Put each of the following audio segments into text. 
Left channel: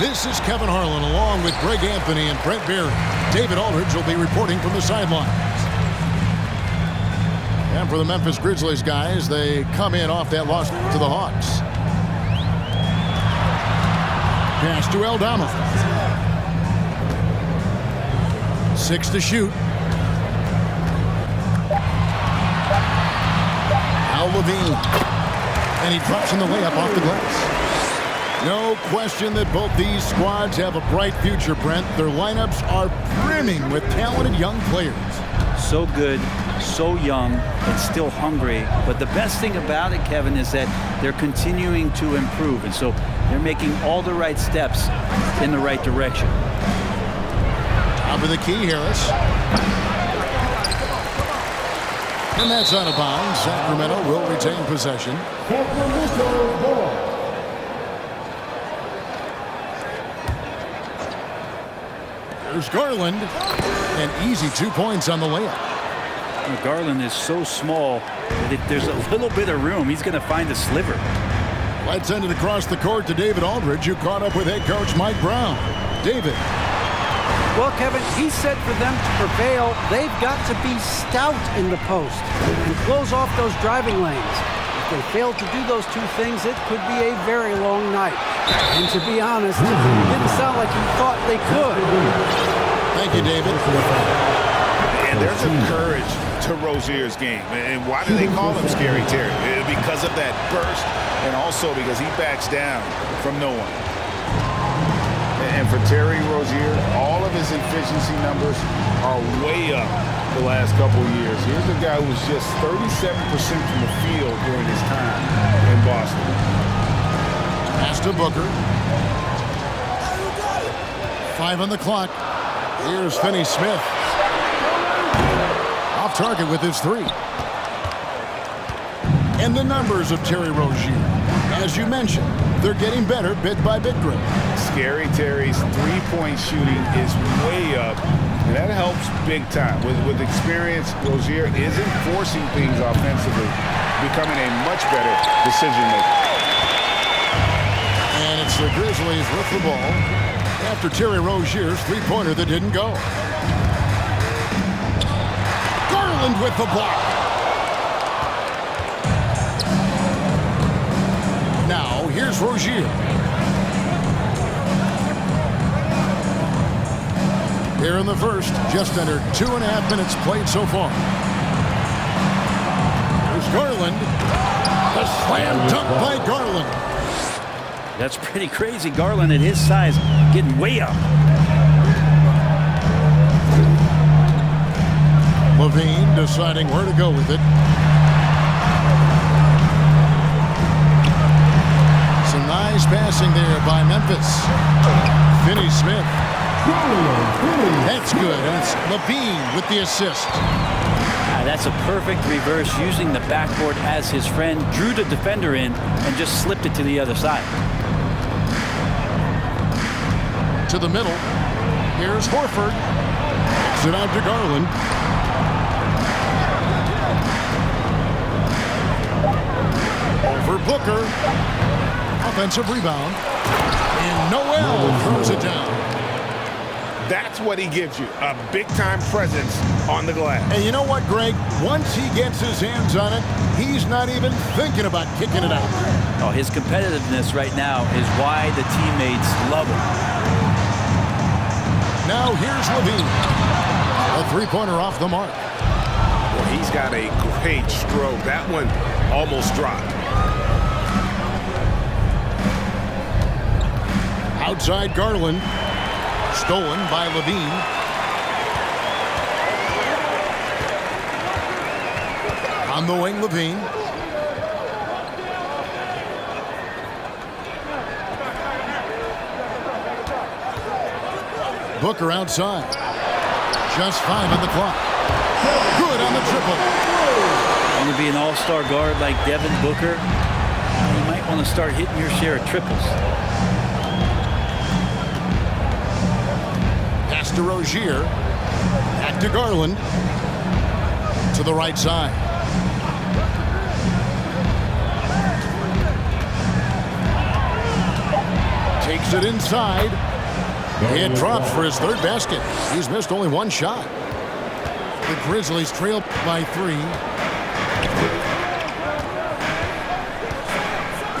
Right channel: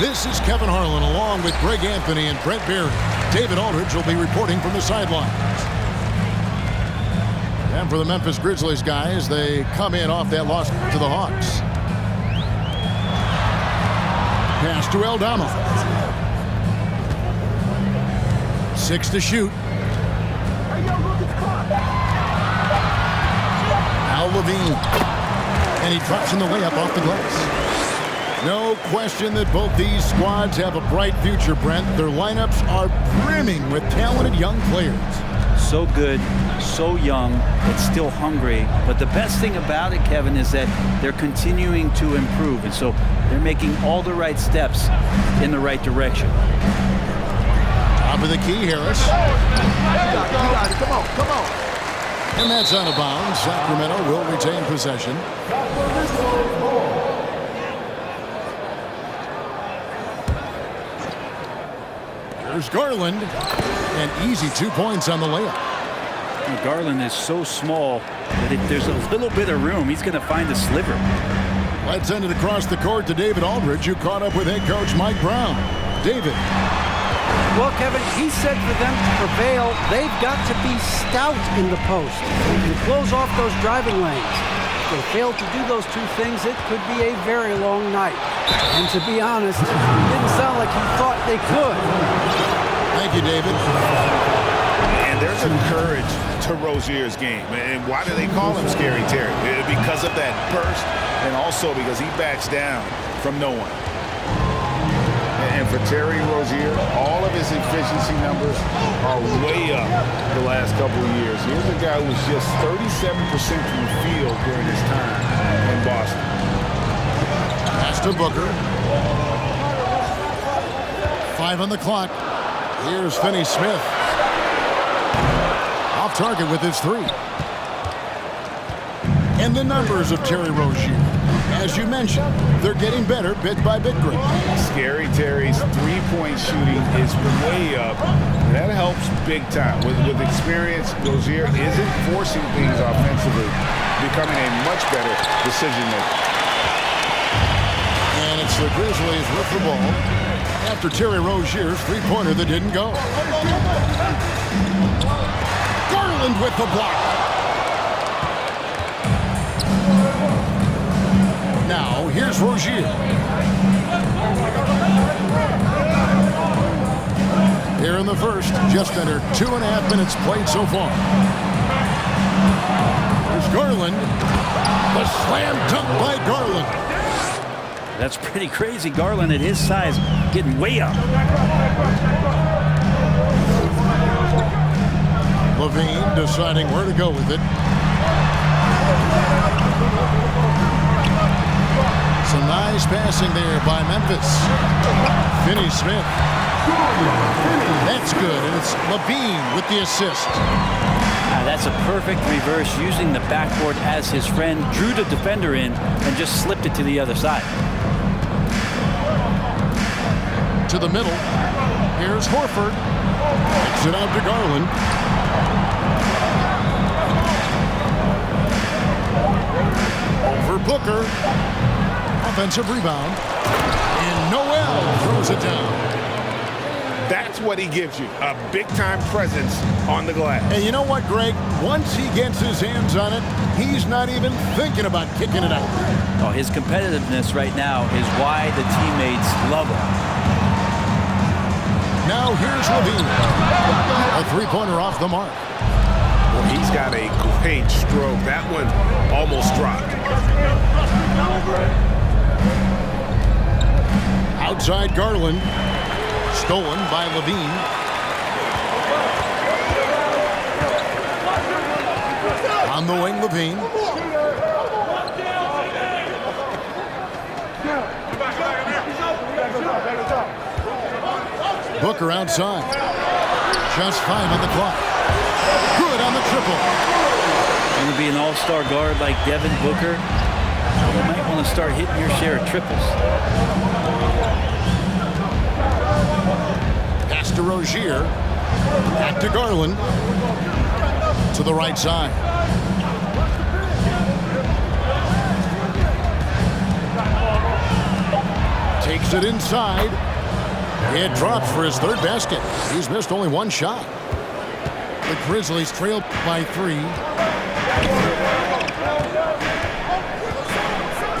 This is Kevin Harlan along with Greg Anthony and Brent Berry. David Aldridge will be reporting from the sidelines. And for the Memphis Grizzlies guys, they come in off that loss to the Hawks. Pass to Aldama. 6 to shoot. Al Levine. And he drops in the layup off the glass. No question that both these squads have a bright future, Brent. Their lineups are brimming with talented young players. So good, so young, and still hungry. But the best thing about it, Kevin, is that they're continuing to improve. And so they're making all the right steps in the right direction. Top of the key, Harris. Come on. And that's out of bounds. Sacramento will retain possession. Here's Garland. An easy 2 points on the layup. Garland is so small that if there's a little bit of room, he's going to find a sliver. Let's send it across the court to David Aldridge, who caught up with head coach Mike Brown. David. Well, Kevin, he said for them to prevail, they've got to be stout in the post and close off those driving lanes. If they fail to do those two things, it could be a very long night. And to be honest, it didn't sound like he thought they could. Thank you, David. And there's a courage to Rozier's game. And why do they call him Scary Terry? Because of that burst, and also because he backs down from no one. And for Terry Rozier, all of his efficiency numbers are way up the last couple of years. Here's a guy who was just 37% from the field during his time in Boston. Pass to Booker. 5 on the clock. Here's Finney-Smith. Off target with his 3. And the numbers of Terry Rozier. As you mentioned, they're getting better bit by bit, Greg. Scary Terry's three-point shooting is way up, and that helps big time. With experience, Rozier isn't forcing things offensively, becoming a much better decision maker. And it's the Grizzlies with the ball after Terry Rozier's three-pointer that didn't go. Garland with the block. Now, here's Rozier. Here in the first, just under 2.5 minutes played so far. Here's Garland. The slam dunk by Garland. That's pretty crazy. Garland at his size getting way up. Levine deciding where to go with it. Some nice passing there by Memphis. Finney-Smith. That's good, and it's Levine with the assist. That's a perfect reverse, using the backboard as his friend, drew the defender in, and just slipped it to the other side. To the middle. Here's Horford. Kicks it out to Garland. Over Booker. Offensive rebound. And Noel throws it down. That's what he gives you, a big-time presence on the glass. And you know what, Greg? Once he gets his hands on it, he's not even thinking about kicking it out. Oh, his competitiveness right now is why the teammates love him. Now here's Levine. A three-pointer off the mark. Well, he's got a great stroke. That one almost dropped. Outside Garland. Stolen by Levine. On the wing, Levine. Booker outside. Just 5 on the clock. Good on the triple. Going to be an all-star guard like Devin Booker. You might want to start hitting your share of triples. Pass to Rozier. Back to Garland. To the right side. Takes it inside. It drops for his third basket. He's missed only one shot. The Grizzlies trail by 3.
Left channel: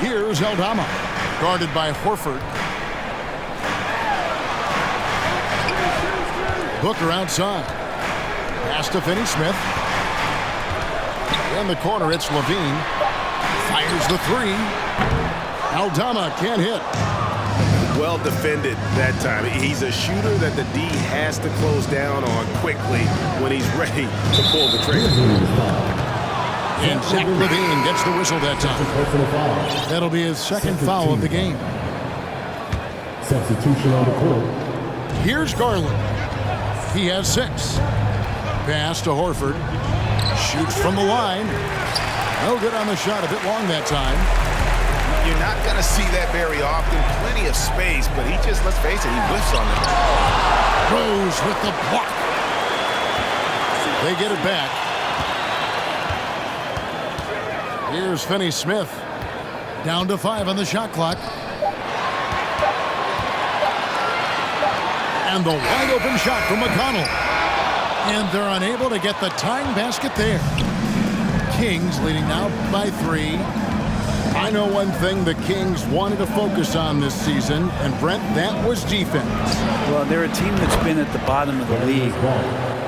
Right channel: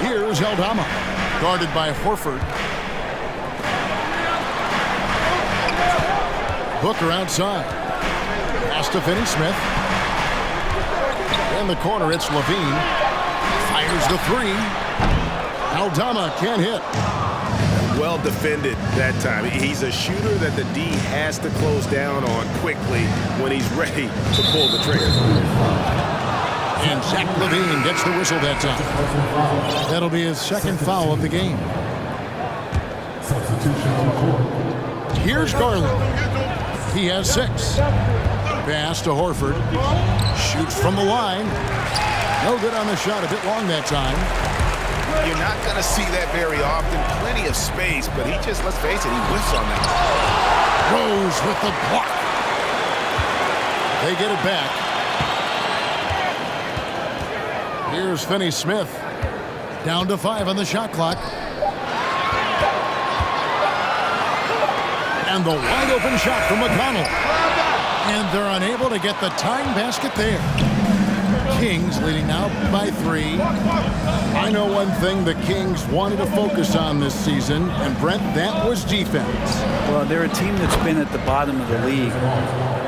Here's Aldama, guarded by Horford. Booker outside. Pass to Finney-Smith. In the corner, it's Levine. Fires the 3. Aldama can't hit. Well defended that time. He's a shooter that the D has to close down on quickly when he's ready to pull the trigger. And Zach Levine gets the whistle that time. That'll be his second foul of the game. Substitution on the court. Here's Garland. He has 6. Pass to Horford. Shoots from the line. No good on the shot. A bit long that time. You're not going to see that very often. Plenty of space, but he just, let's face it, he whiffs on them. Rose with the block. They get it back. Here's Finney-Smith. Down to 5 on the shot clock. And the wide open shot from McConnell. And they're unable to get the tying basket there. Kings leading now by 3. I know one thing the Kings wanted to focus on this season, and Brent, that was defense. Well, they're a team that's been at the bottom of the league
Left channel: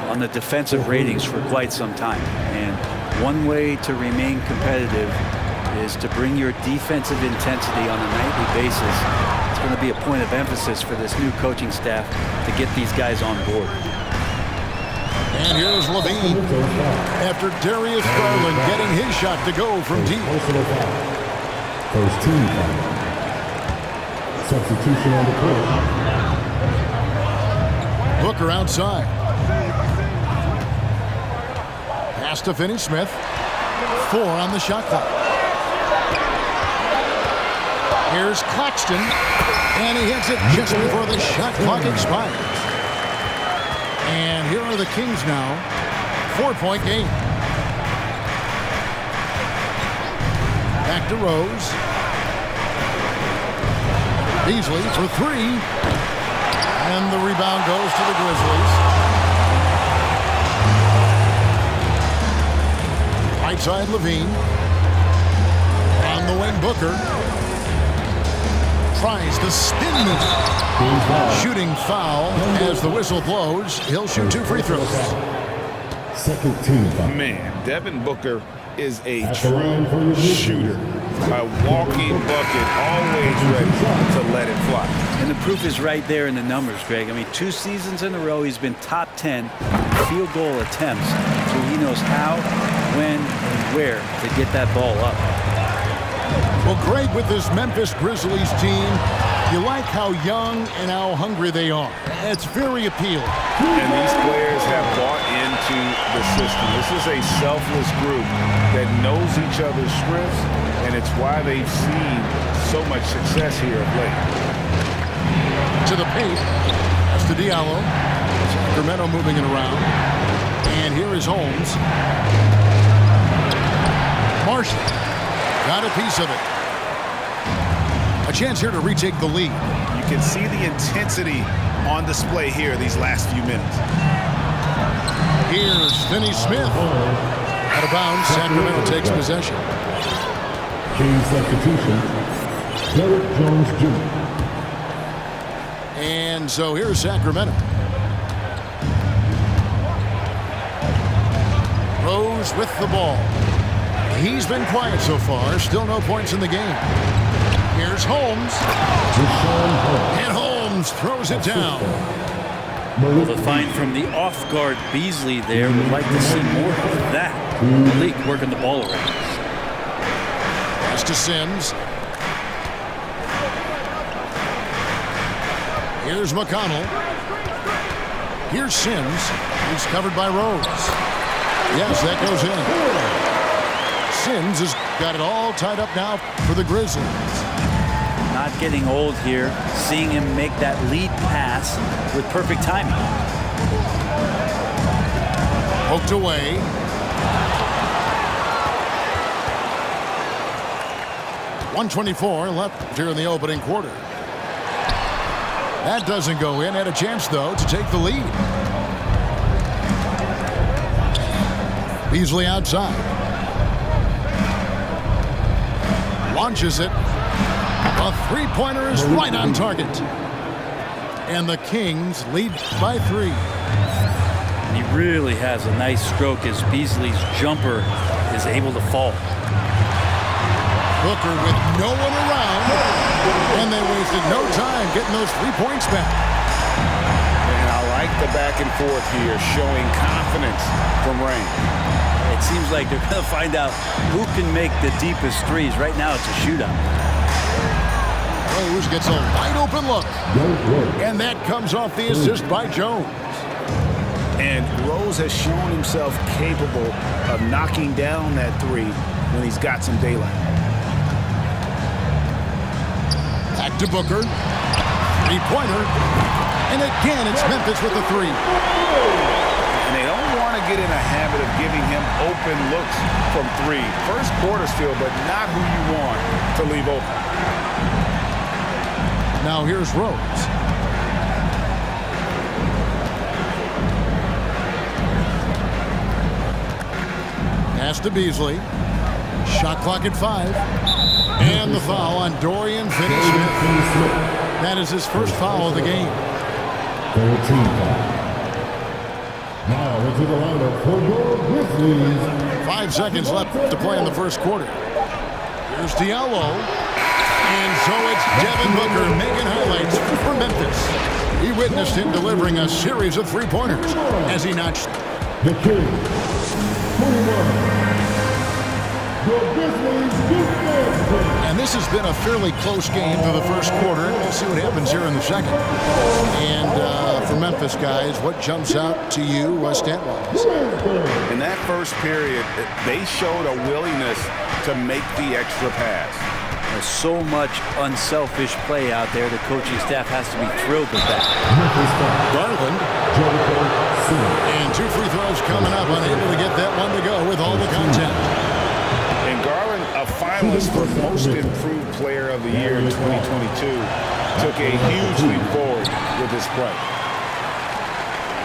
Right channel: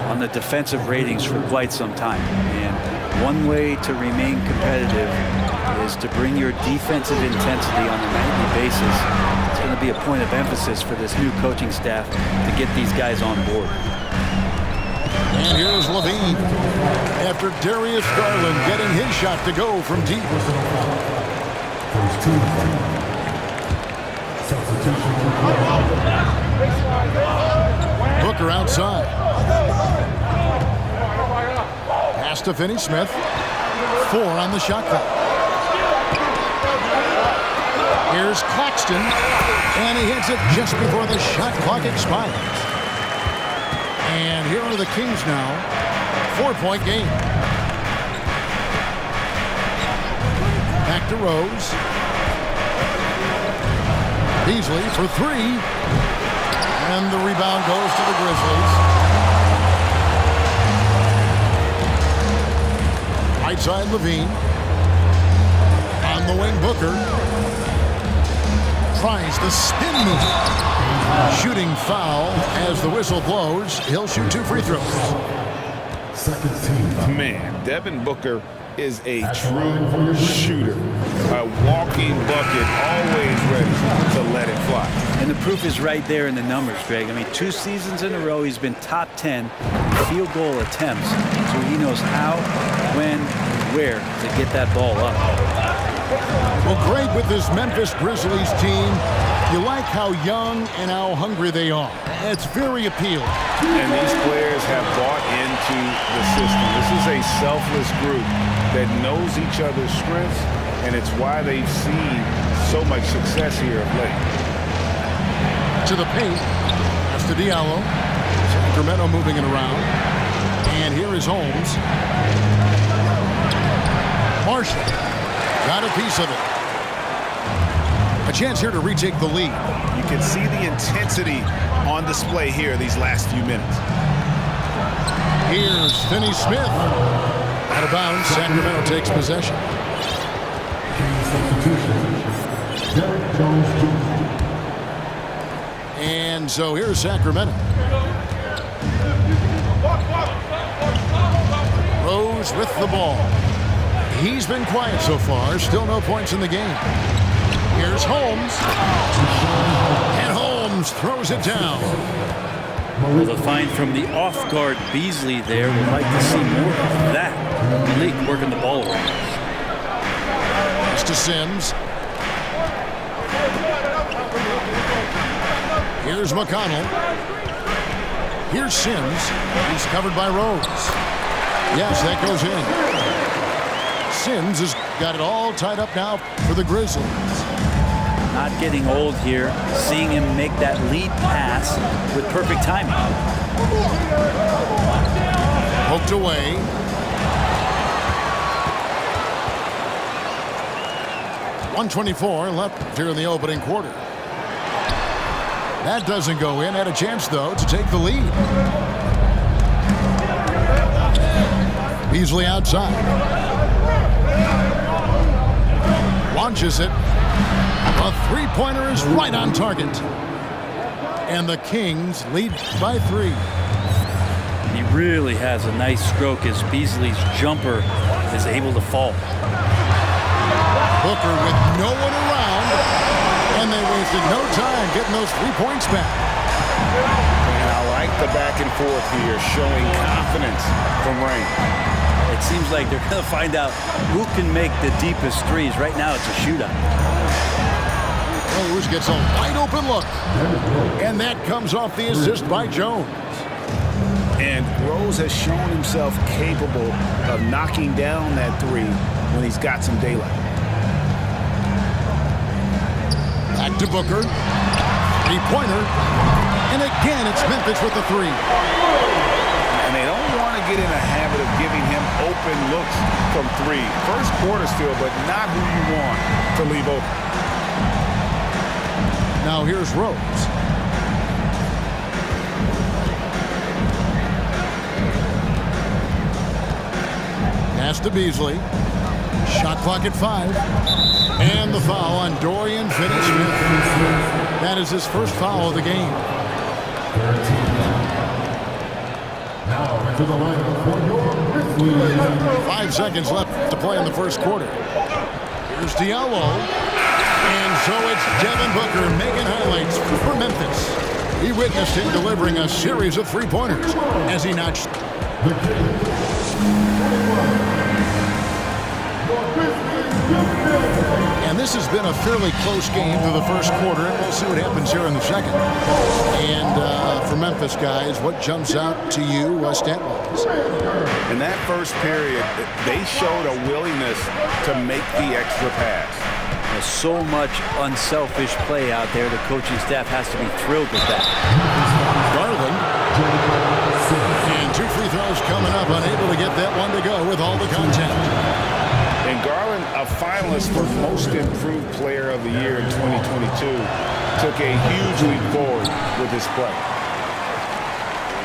on the defensive ratings for quite some time. And one way to remain competitive is to bring your defensive intensity on a nightly basis. It's going to be a point of emphasis for this new coaching staff to get these guys on board. And here's Levine after Darius Garland getting his shot to go from deep. First team foul. Substitution on the court. Booker outside. Pass to Finney-Smith. 4 on the shot clock. Here's Claxton. And he hits it just before the shot clock expires. And here are the Kings now. 4-point game. Back to Rose. Beasley for 3. And the rebound goes to the Grizzlies. Right side Levine. On the wing Booker. Tries the spin move. Shooting foul as the whistle blows. He'll shoot 2 free throws. Second team foul. Man, Devin Booker is a true shooter. A walking bucket, always ready to let it fly. And the proof is right there in the numbers, Greg. I mean, 2 seasons in a row, he's been top 10 field goal attempts. So he knows how, when, and where to get that ball up. Well, Greg, with this Memphis Grizzlies team, you like how young and how hungry they are. It's very appealing. And these players have bought into the system. This is a selfless group that knows each other's strengths, and it's why they've seen so much success here of late. To the paint. That's to Diallo. Sacramento moving it around. And here is Holmes. Marshall got a piece of it. A chance here to retake the lead. You can see the intensity on display here these last few minutes. Here's Finney-Smith. Out of bounds, Sacramento takes possession. King substitution. Derek Jones Jr. And so here's Sacramento. Rose with the ball. He's been quiet so far. Still no points in the game. Here's Holmes. And Holmes throws it down. Well, the find from the off-guard Beasley there would like to see more of that. Malik working the ball around. Pass to Sims. Here's McConnell. Here's Sims. He's covered by Rose. Yes, that goes in. Sims has got it all tied up now for the Grizzlies. Not getting old here. Seeing him make that lead pass with perfect timing. Poked away. .124 left here in the opening quarter. That doesn't go in. Had a chance, though, to take the lead. Beasley outside. Launches it. A three-pointer is right on target. And the Kings lead by 3. And he really has a nice stroke as Beasley's jumper is able to fall. Booker with no one around. And they wasted no time getting those 3 points back. And I like the back and forth here, showing confidence from Rain. It seems like they're going to find out who can make the deepest threes. Right now, it's a shootout. Rose gets a wide open look. And that comes off the assist by Jones. And Rose has shown himself capable of knocking down that 3 when he's got some daylight. Back to Booker. Three-pointer. And again, it's Memphis with the 3. And they don't want to get in a habit of giving him open looks from 3. First quarter still, but not who you want to leave open. Now here's Rose. Pass to Beasley. Shot clock at 5. And the foul on Dorian Finney-Smith. That is his first foul of the game. 13 foul. Now into the lineup for your Grizzlies. 5 seconds left to play in the first quarter. Here's Diallo. And so it's Devin Booker making highlights for Memphis. He witnessed him delivering a series of three-pointers as he notched. The Kings, 21. Your Grizzlies, And this has been a fairly close game through the first quarter, and we'll see what happens here in the second. And for Memphis guys, what jumps out to you stat-wise? In that first period, they showed a willingness to make the extra pass. There's so much unselfish play out there. The coaching staff has to be thrilled with that. Garland. And 2 free throws coming up, unable to get that one to go with all the contact. And Garland, a finalist for Most Improved Player of the Year in 2022, took a huge leap forward with his play.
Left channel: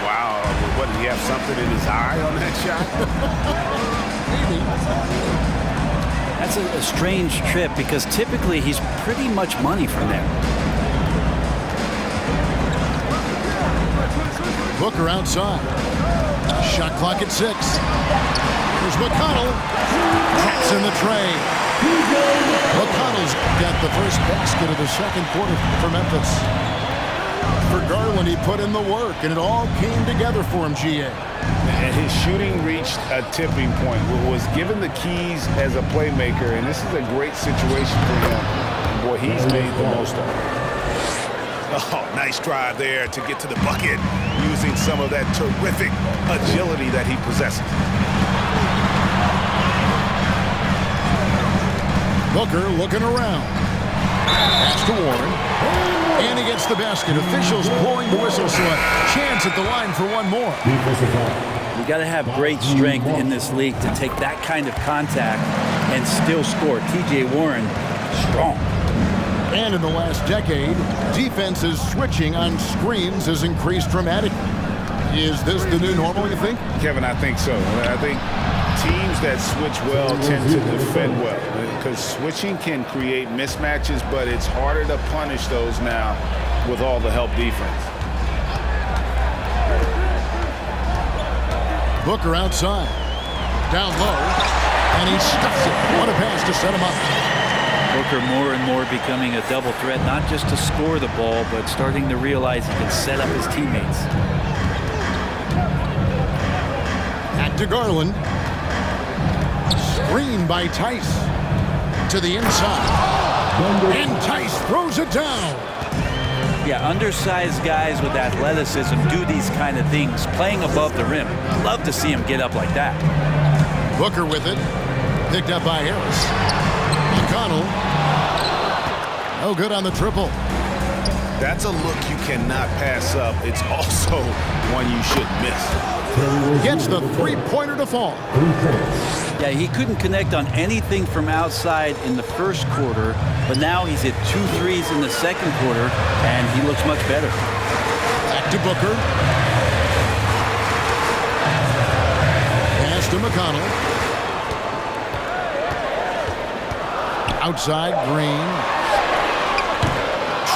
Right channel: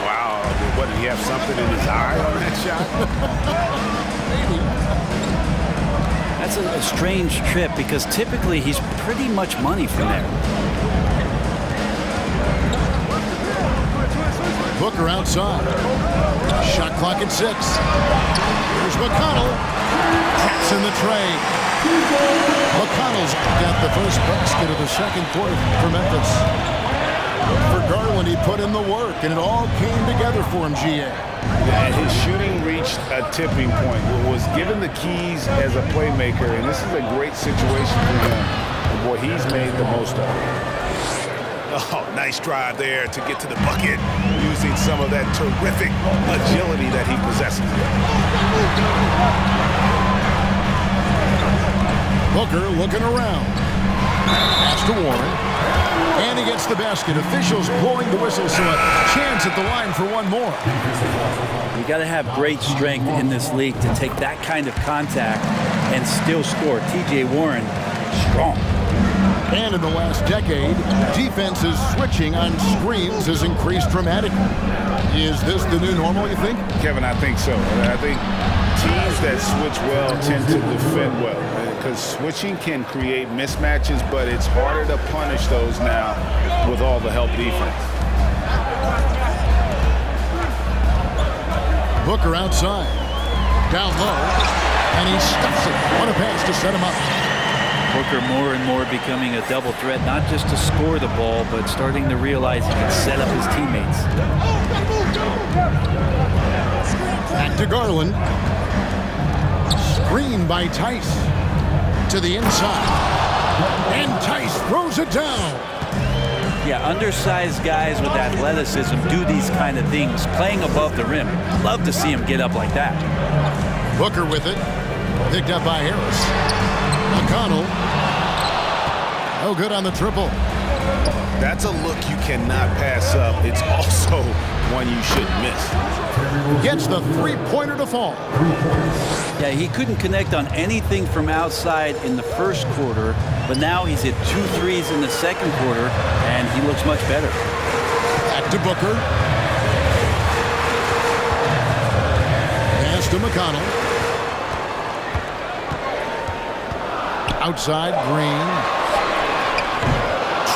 Wow, what, did he have something in his eye on that shot? Maybe. That's a strange trip because typically he's pretty much money from there. Booker outside. Shot clock at 6. Here's McConnell. Taps in the tray. McConnell's got the first basket of the second quarter for Memphis. For Garland, he put in the work, and it all came together for him, GA. And his shooting reached a tipping point. Was given the keys as a playmaker, and this is a great situation for him. And boy, he's made the most of it. Oh, nice drive there to get to the bucket, using some of that terrific agility that he possesses. Booker looking around. Pass to Warren. And he gets the basket. Officials blowing the whistle, so a chance at the line for one more. You got to have great strength in this league to take that kind of contact and still score. TJ Warren, strong. And in the last decade, defenses switching on screens has increased dramatically. Is this the new normal, you think? Kevin, I think so. I think teams that switch well tend to defend well, because switching can create mismatches, but it's harder to punish those now with all the help defense. Booker outside. Down low. And he stuffs it. What a pass to set him up. Booker more and more becoming a double threat, not just to score the ball, but starting to realize he can set up his teammates. Back to Garland. Screen by Tice. To the inside. And Tice throws it down. Yeah, undersized guys with athleticism do these kind of things, playing above the rim. Love to see him get up like that. Booker with it. Picked up by Harris. McConnell. No good on the triple. That's a look you cannot pass up. It's also one you shouldn't miss. Gets the three-pointer to fall. 3 points. Yeah, he couldn't connect on anything from outside in the first quarter, but now he's hit 2 threes in the second quarter, and he looks much better. Back to Booker. Pass to McConnell. Outside, Green.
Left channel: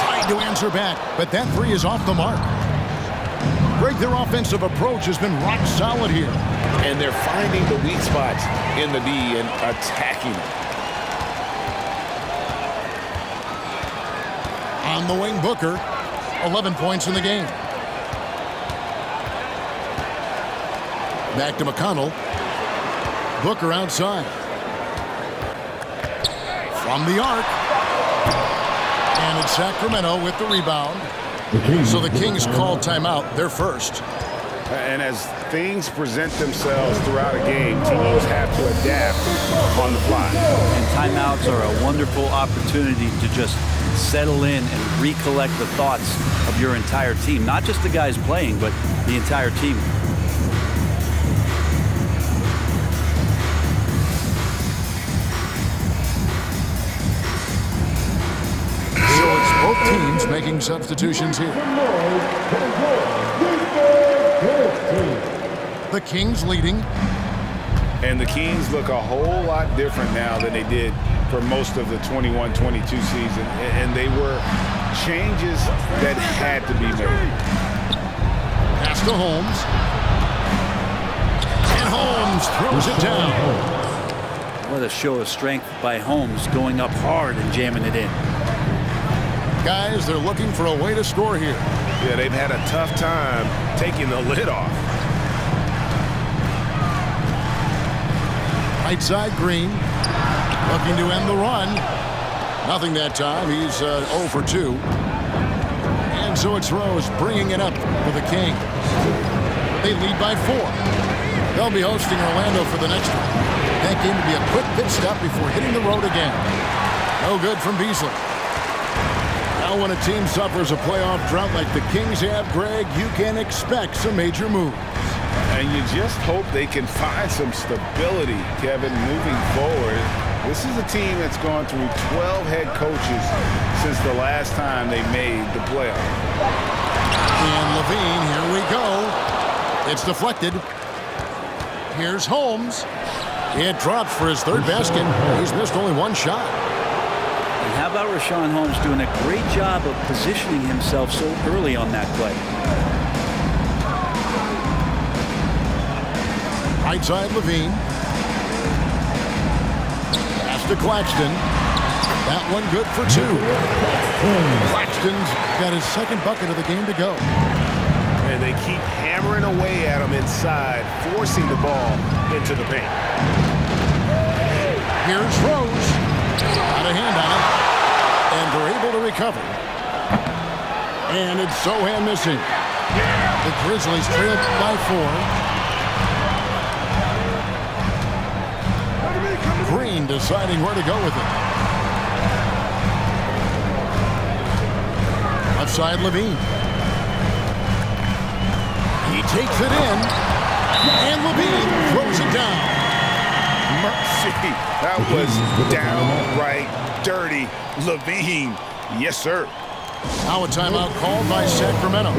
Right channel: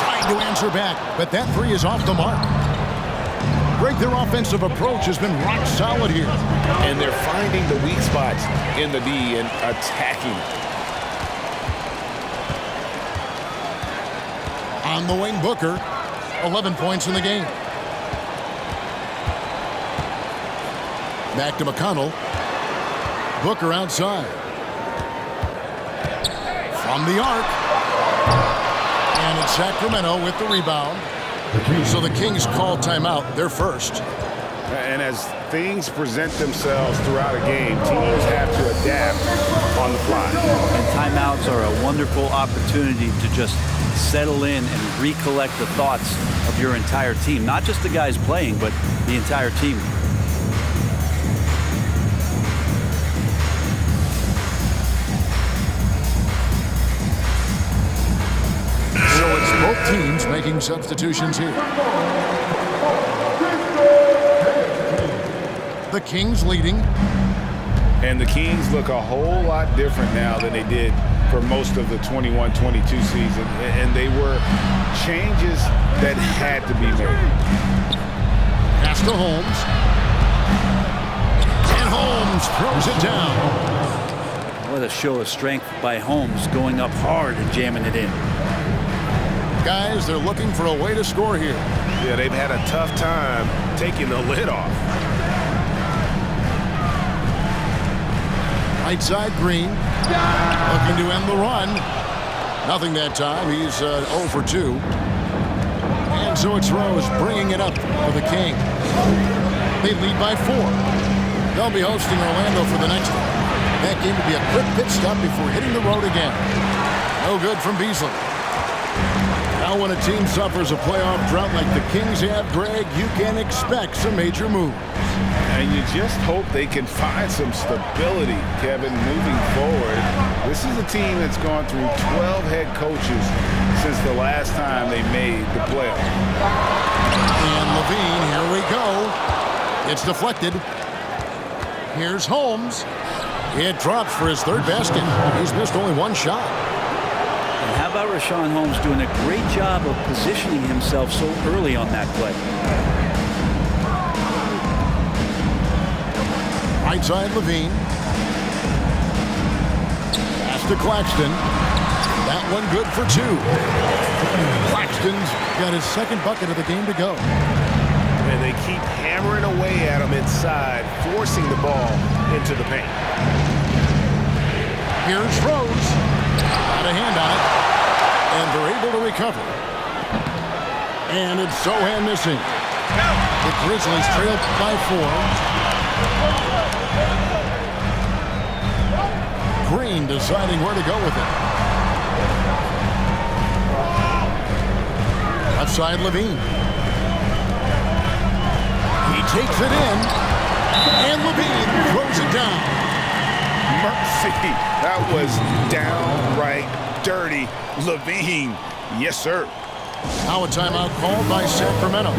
Tried to answer back, but that three is off the mark. Greg, their offensive approach has been rock solid here. And they're finding the weak spots in the D and attacking it. On the wing, Booker. 11 points in the game. Back to McConnell. Booker outside. From the arc. And it's Sacramento with the rebound. So the Kings call timeout, their first. And as things present themselves throughout a game, teams have to adapt on the fly. And timeouts are a wonderful opportunity to just settle in and recollect the thoughts of your entire team. Not just the guys playing, but the entire team. So it's both teams making substitutions here. The Kings leading. And the Kings look a whole lot different now than they did for most of the 21-22 season. And they were changes that had to be made. Pass to Holmes. And Holmes throws it down. What a show of strength by Holmes, going up hard and jamming it in. Guys, they're looking for a way to score here. Yeah, they've had a tough time taking the lid off. Right side, Green. Looking to end the run. Nothing that time. He's 0 for 2. And so it's Rose bringing it up for the Kings. They lead by 4. They'll be hosting Orlando for the next one. That game will be a quick pit stop before hitting the road again. No good from Beasley. Now when a team suffers a playoff drought like the Kings have, Greg, you can expect some major moves. And you just hope they can find some stability, Kevin, moving forward. This is a team that's gone through 12 head coaches since the last time they made the playoff. And Levine, here we go. It's deflected. Here's Holmes. It drops for his third basket. He's missed only one shot. And how about Richaun Holmes doing a great job of positioning himself so early on that play? Right side, Levine. Pass to Claxton. That one good for 2. Claxton's got his second bucket of the game to go. And they keep hammering away at him inside, forcing the ball into the paint. Here's Rose. Got a hand on it. And they're able to recover. And it's Sohan missing. The Grizzlies trail by 4. Green deciding where to go with it. Left side, Levine. He takes it in. And Levine throws it down. Mercy. That was downright dirty. Levine. Yes, sir. Now a timeout called by Sacramento.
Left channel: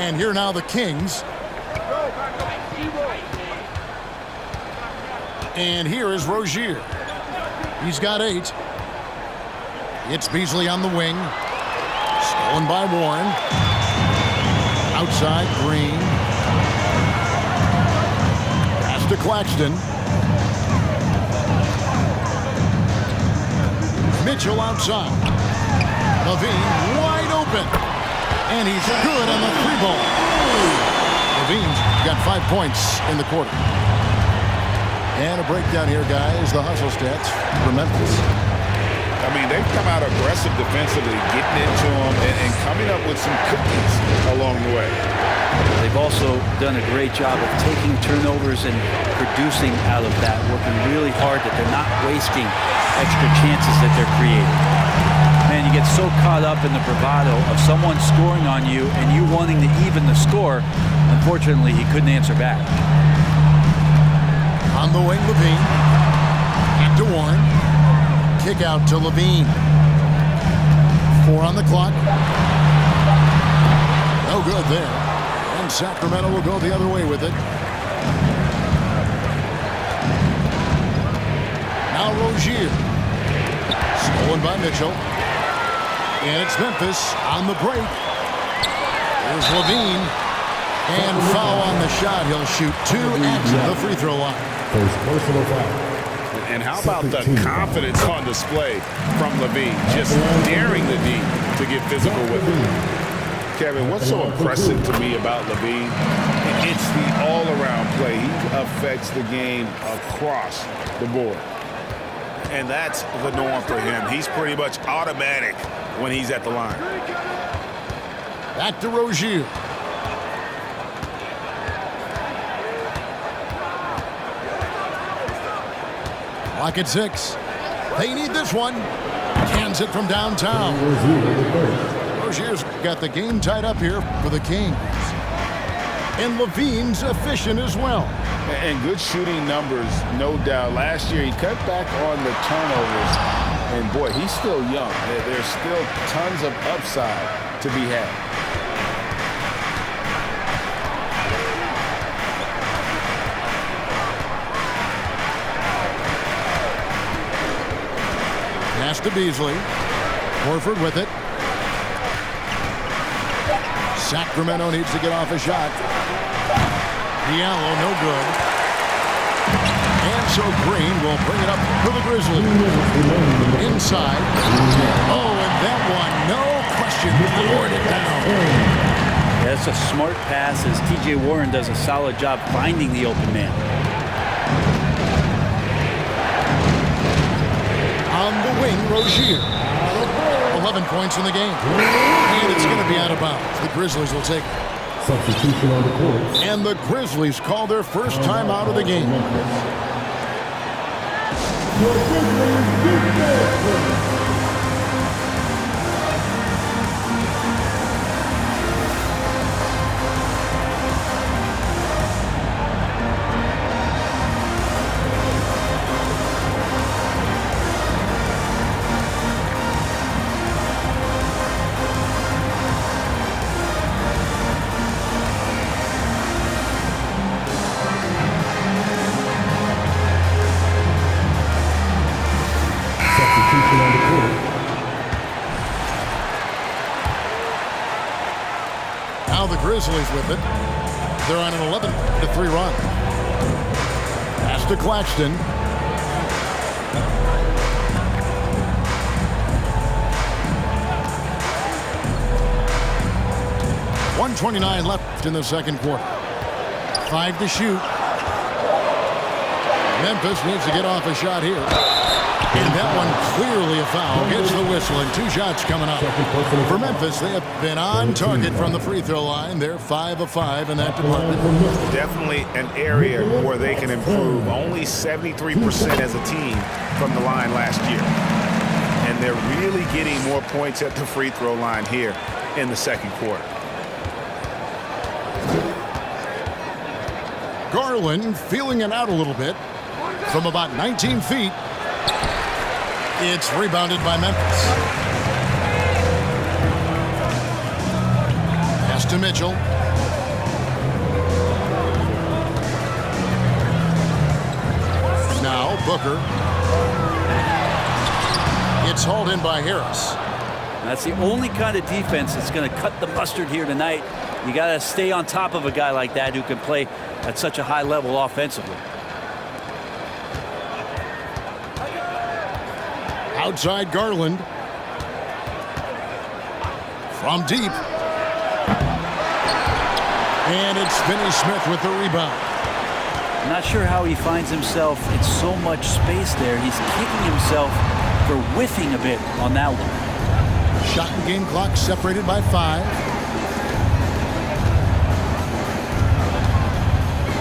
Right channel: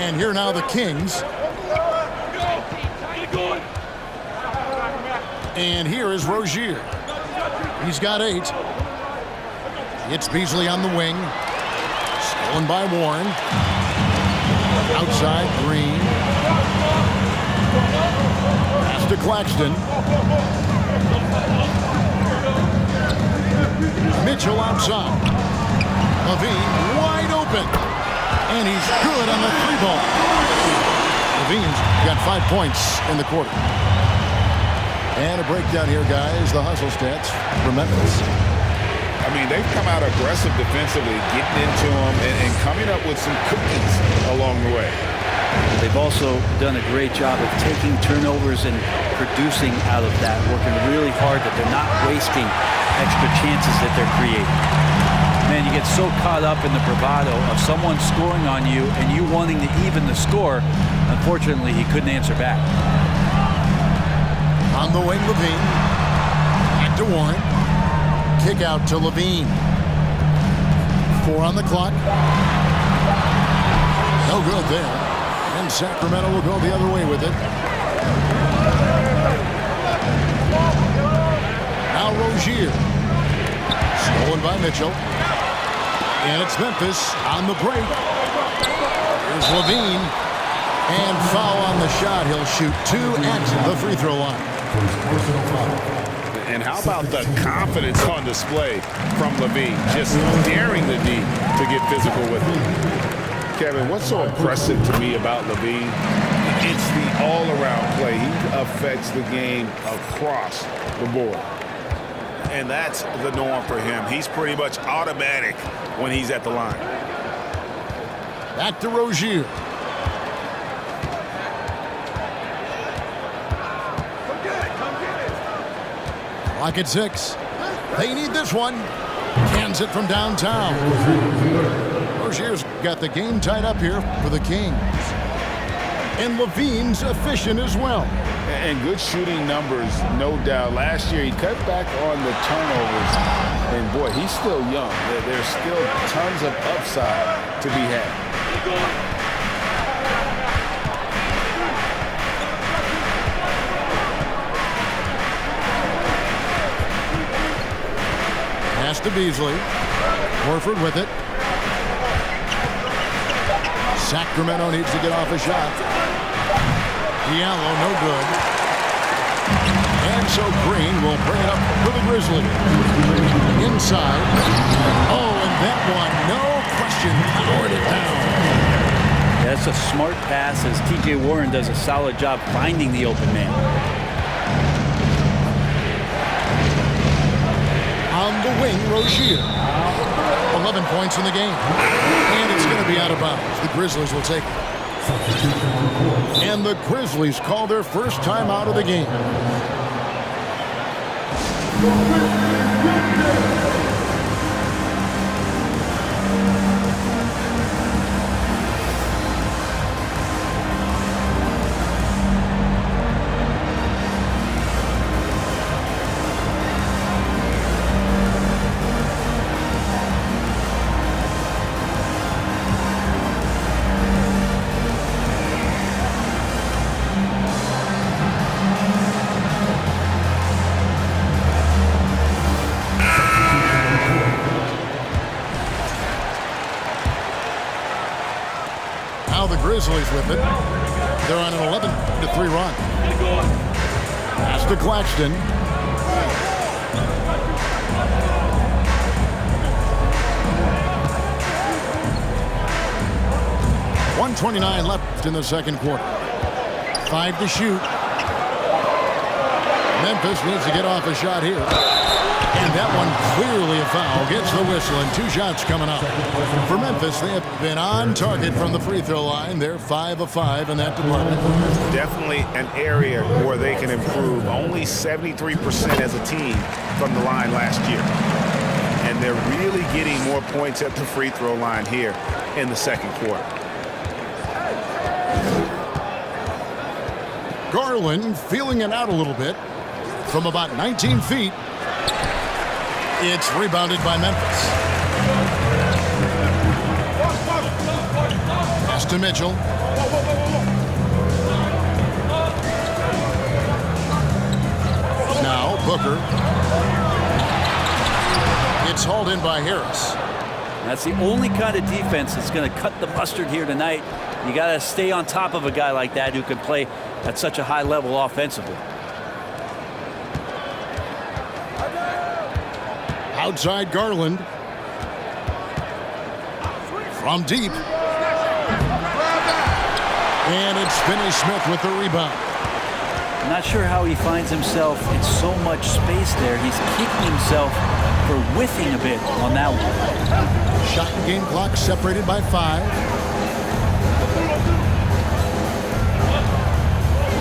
And here now the Kings. And here is Rozier. He's got 8. It's Beasley on the wing. Stolen by Warren. Outside, Green. Pass to Claxton. Mitchell outside. Levine wide open. And he's good on the 3-ball. Levine's got 5 points in the quarter. And a breakdown here, guys. The hustle stats for Memphis. I mean, they've come out aggressive defensively, getting into them and coming up with some cookies along the way. They've also done a great job of taking turnovers and producing out of that, working really hard that they're not wasting extra chances that they're creating. Man, you get so caught up in the bravado of someone scoring on you and you wanting to even the score. Unfortunately, he couldn't answer back. On the wing, Levine. Back to Warren. Kick out to Levine. 4 on the clock. No good there. And Sacramento will go the other way with it. Now Rozier. Stolen by Mitchell. And it's Memphis on the break. Here's Levine. And foul on the shot. He'll shoot 2 at the free throw line. First personal foul. And how about the confidence on display from Levine, just daring the D to get physical with him. Kevin, what's so impressive to me about Levine? It's the all-around play. He affects the game across the board. And that's the norm for him. He's pretty much automatic when he's at the line. Back to Rozier. Clock at 6. They need this one. Cans it from downtown. Rozier's got the game tied up here for the Kings. And Levine's efficient as well. And good shooting numbers, no doubt. Last year, he cut back on the turnovers. And, boy, he's still young. There's still tons of upside to be had. Pass to Beasley. Horford with it. Sacramento needs to get off a shot. Diallo, no good. And so Green will bring it up for the Grizzlies. Inside. Oh, and that one, no question, powered it down. Yeah, that's a smart pass as T.J. Warren does a solid job finding the open man. On the wing, Rozier. 11 points in the game. And it's going to be out of bounds. The Grizzlies will take it. Substitution on the court. And the Grizzlies call their first time out of the game. Now the Grizzlies with it. They're on an 11-3 run. Pass to Claxton. .129 left in the second quarter. 5 to shoot. Memphis needs to get off a shot here. And that one clearly a foul. Gets the whistle and 2 shots coming up. For Memphis, they have been on target from the free throw line. They're 5 of 5 in that department. Definitely an area where they can improve. Only 73% as a team from the line last year. And they're really getting more points at the free throw line here in the second quarter. Garland feeling it out a little bit from about 19 feet. It's rebounded by Memphis. Pass to Mitchell. Now Booker. It's hauled in by Harris. That's the only kind of defense that's going to cut the mustard here tonight. You got to stay on top of a guy like that who can play at such a high level offensively. Outside Garland. From deep. And it's Finney-Smith with the rebound. I'm not sure how he finds himself in so much space there. He's kicking himself for whiffing a bit on that one. Shot and game clock separated by 5.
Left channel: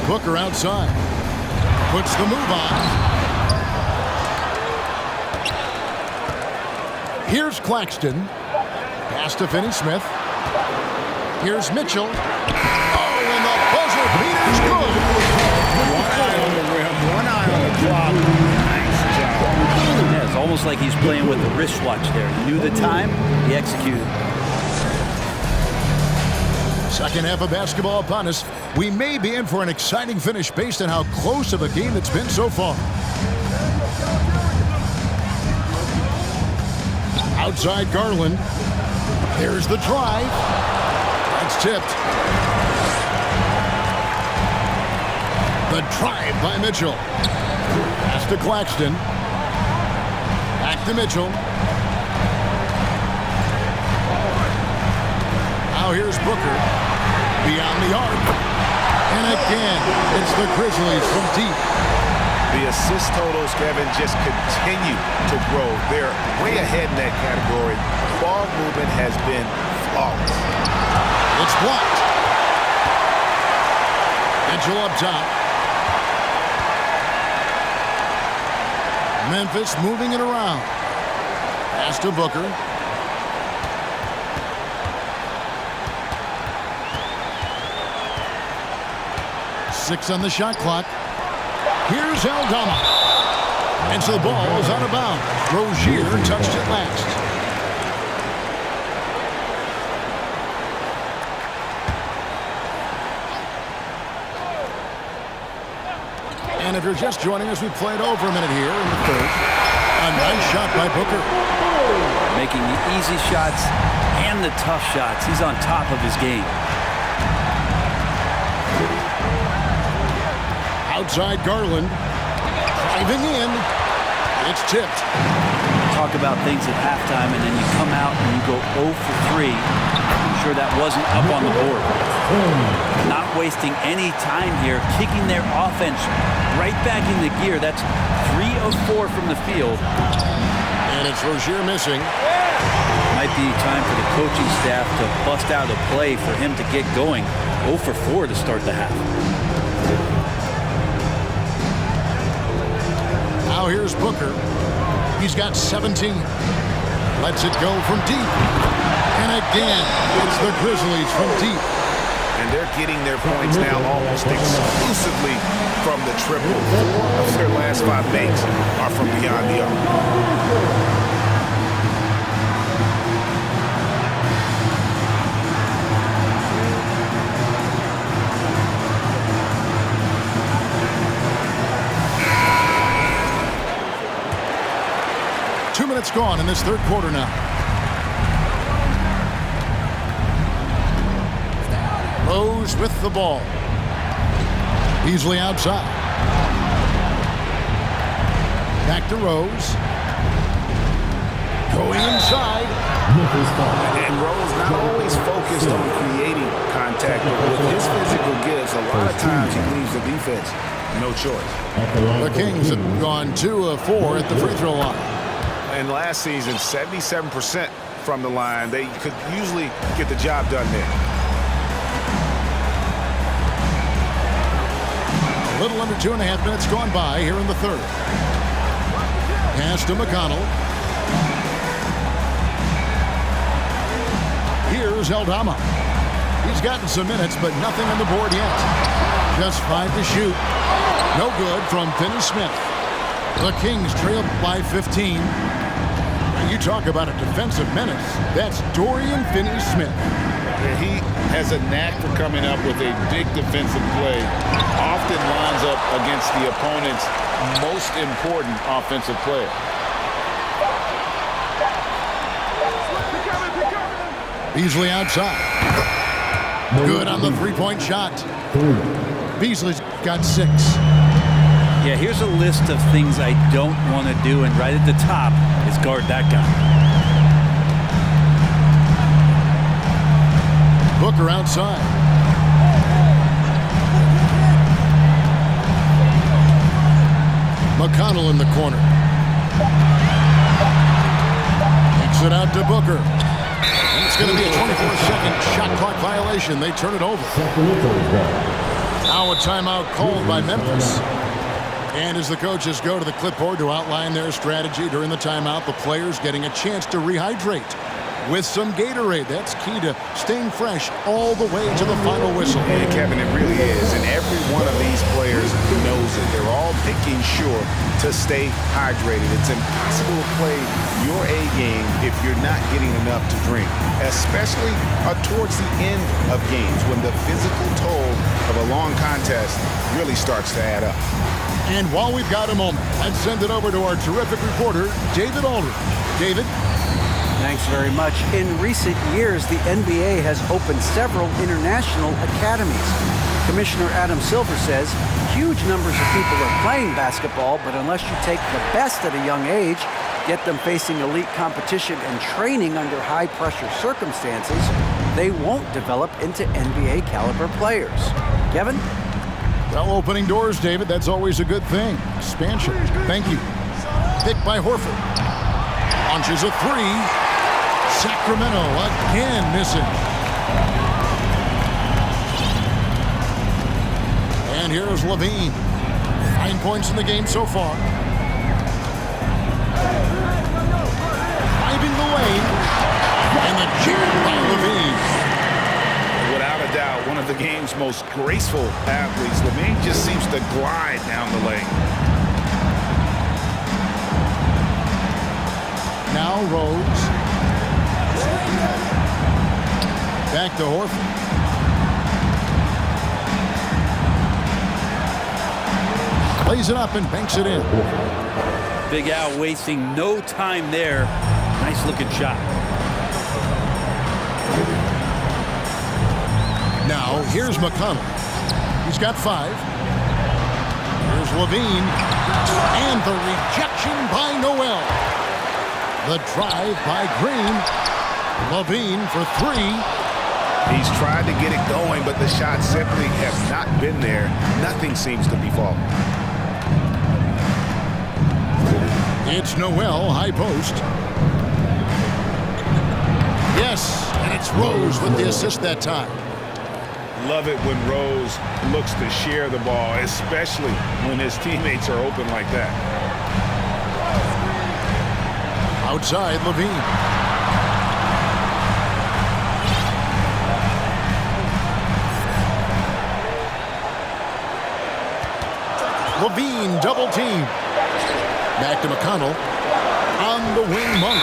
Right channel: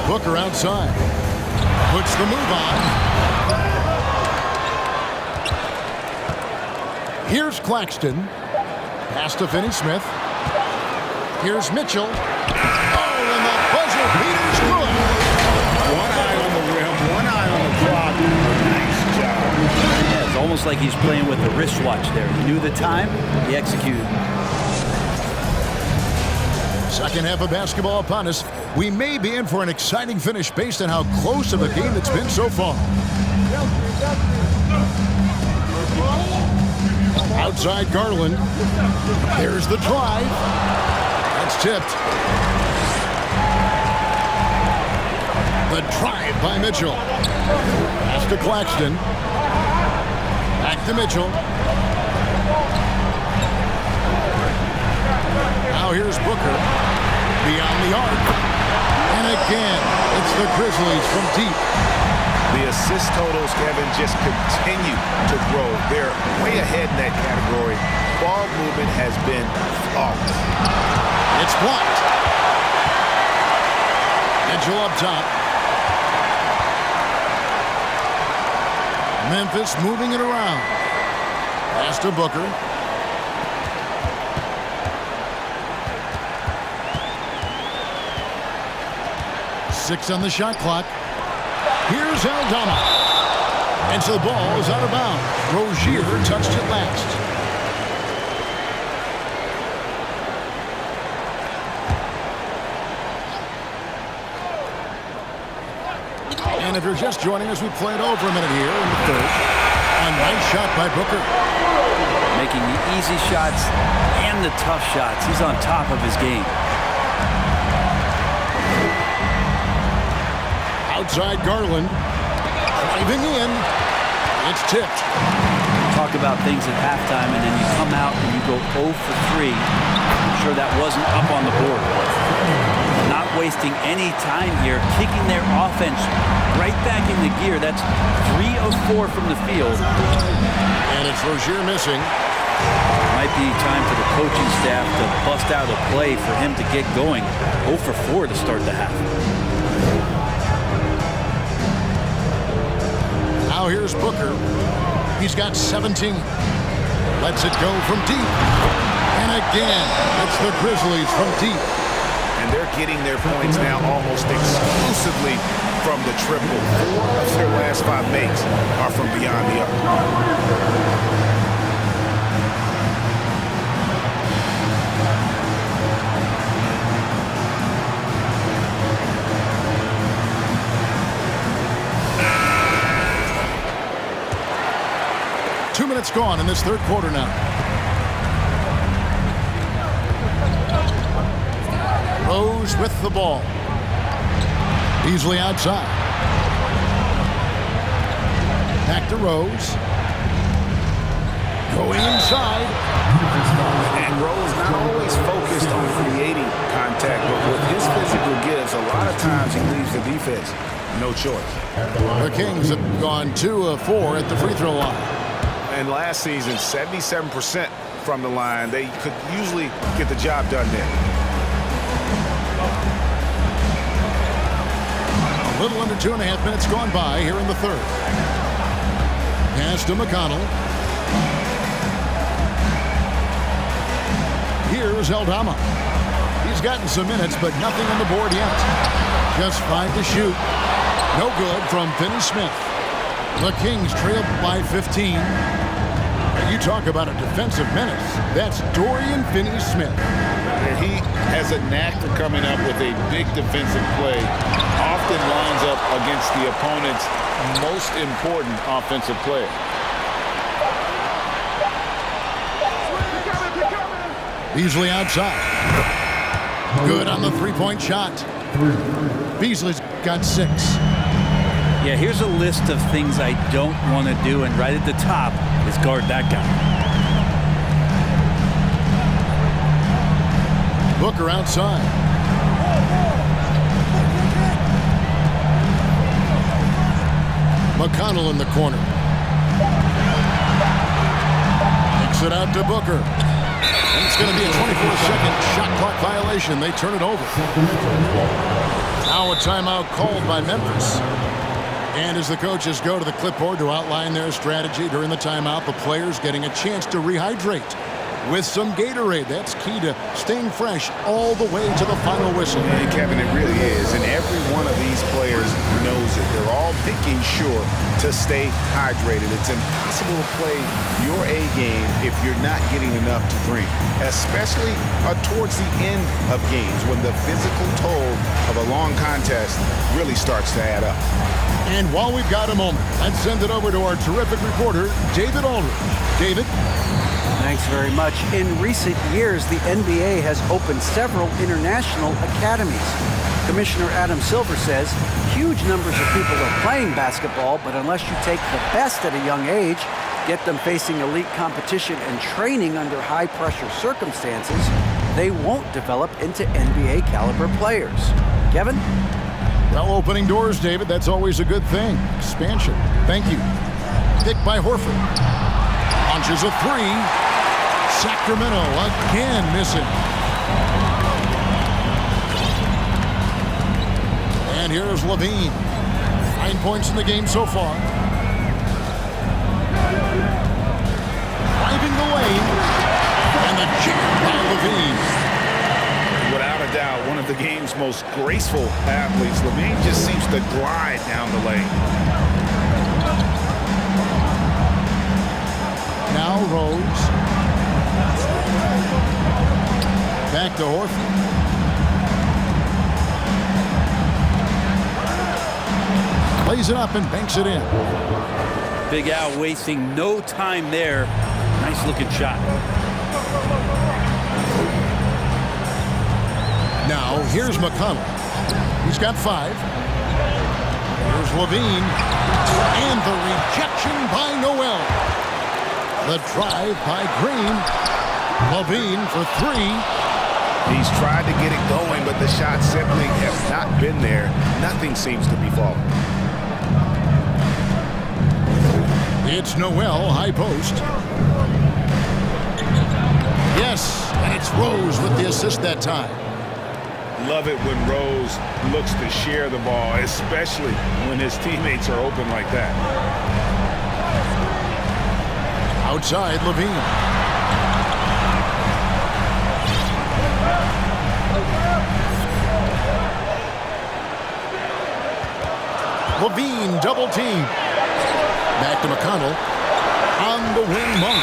Booker outside. Puts the move on. Here's Claxton. Pass to Finney-Smith. Here's Mitchell. Oh, and the buzzer beater's good. One eye on the rim, one eye on the clock. Nice job. Yeah, it's almost like he's playing with the wristwatch there. He knew the time, he executed. Second half of basketball upon us. We may be in for an exciting finish based on how close of a game it's been so far. Outside Garland. There's the drive. That's tipped. The drive by Mitchell. Pass to Claxton. Back to Mitchell. Now here's Booker. Beyond the arc. And again, it's the Grizzlies from deep. The assist totals, Kevin, just continue to grow. They're way ahead in that category. Ball movement has been flawless. It's blocked. Mitchell up top. Memphis moving it around. Pass to Booker. Six on the shot clock. Here's Aldama. And so the ball is out of bounds. Rozier touched it last. And if you're just joining us, we played over a minute here in the third. A nice shot by Booker. Making the easy shots and the tough shots. He's on top of his game. Outside Garland. Driving in. It's tipped. Talk about things at halftime, and then you come out and you go 0 for 3. I'm sure that wasn't up on the board. Not wasting any time here, kicking their offense right back into gear. That's 3 of 4 from the field. And it's Rozier missing. Might be time for the coaching staff to bust out a play for him to get going. 0 for 4 to start the half. Now here's Booker. He's got 17. Lets it go from deep. And again, it's the Grizzlies from deep. And they're getting their points now almost exclusively from the triple. 4 of their last 5 makes are from beyond the arc. 2 minutes gone in this third quarter now. Rose with the ball. Beasley outside. Back to Rose. Going inside. And Rose not always focused on creating contact, but with his physical gifts, a lot of times he leaves the defense no choice. The Kings have gone 2 of 4 at the free throw line. And last season, 77% from the line. They could usually get the job done there. A little under 2.5 minutes gone by here in the third. Pass to McConnell. Here's Aldama. He's gotten some minutes, but nothing on the board yet. Just 5 to shoot. No good from Finney-Smith. The Kings trail by 15. You talk about a defensive menace. That's Dorian Finney-Smith. He has a knack for coming up with a big defensive play. Often lines up against the opponent's most important offensive player. Beasley outside. Good on the three-point shot. Beasley's got 6. Yeah, here's a list of things I don't want to do, and right at the top is guard that guy. Booker outside. McConnell in the corner. Kicks it out to Booker. And it's going to be a 24-second shot clock violation. They turn it over. Now a timeout called by Memphis. And as the coaches go to the clipboard to outline their strategy during the timeout, the players getting a chance to rehydrate with some Gatorade. That's key to staying fresh all the way to the final whistle. And Kevin, it really is. And every one of these players knows it. They're all making sure to stay hydrated. It's impossible to play your A game if you're not getting enough to drink, especially towards the end of games when the physical toll of a long contest really starts to add up. And while we've got a moment, let's send it over to our terrific reporter, David Aldridge. David? Thanks very much. In recent years, the NBA has opened several international academies. Commissioner Adam Silver says huge numbers of people are playing basketball, but unless you take the best at a young age, get them facing elite competition and training under high-pressure circumstances, they won't develop into NBA-caliber players. Kevin? Well, opening doors, David, that's always a good thing. Expansion. Thank you. Pick by Horford. Launches a three. Sacramento again missing. And here's Levine. 9 points in the game so far. Driving the lane. And the jam by Levine. Without a doubt, one of the game's most graceful athletes. Levine just seems to glide down the lane. Now Rose. Back to Horford. Plays it up and banks it in. Big Al wasting no time there. Nice looking shot. Now here's McConnell. He's got 5. Here's Levine. And the rejection by Noel. The drive by Green. Levine for 3. He's tried to get it going, but the shots simply have not been there. Nothing seems to be falling. It's Noel, high post. Yes, and it's Rose with the assist that time. Love it when Rose looks to share the ball, especially when his teammates are open like that. Outside, Levine. Levine double team. Back to McConnell. On the wing, Monk.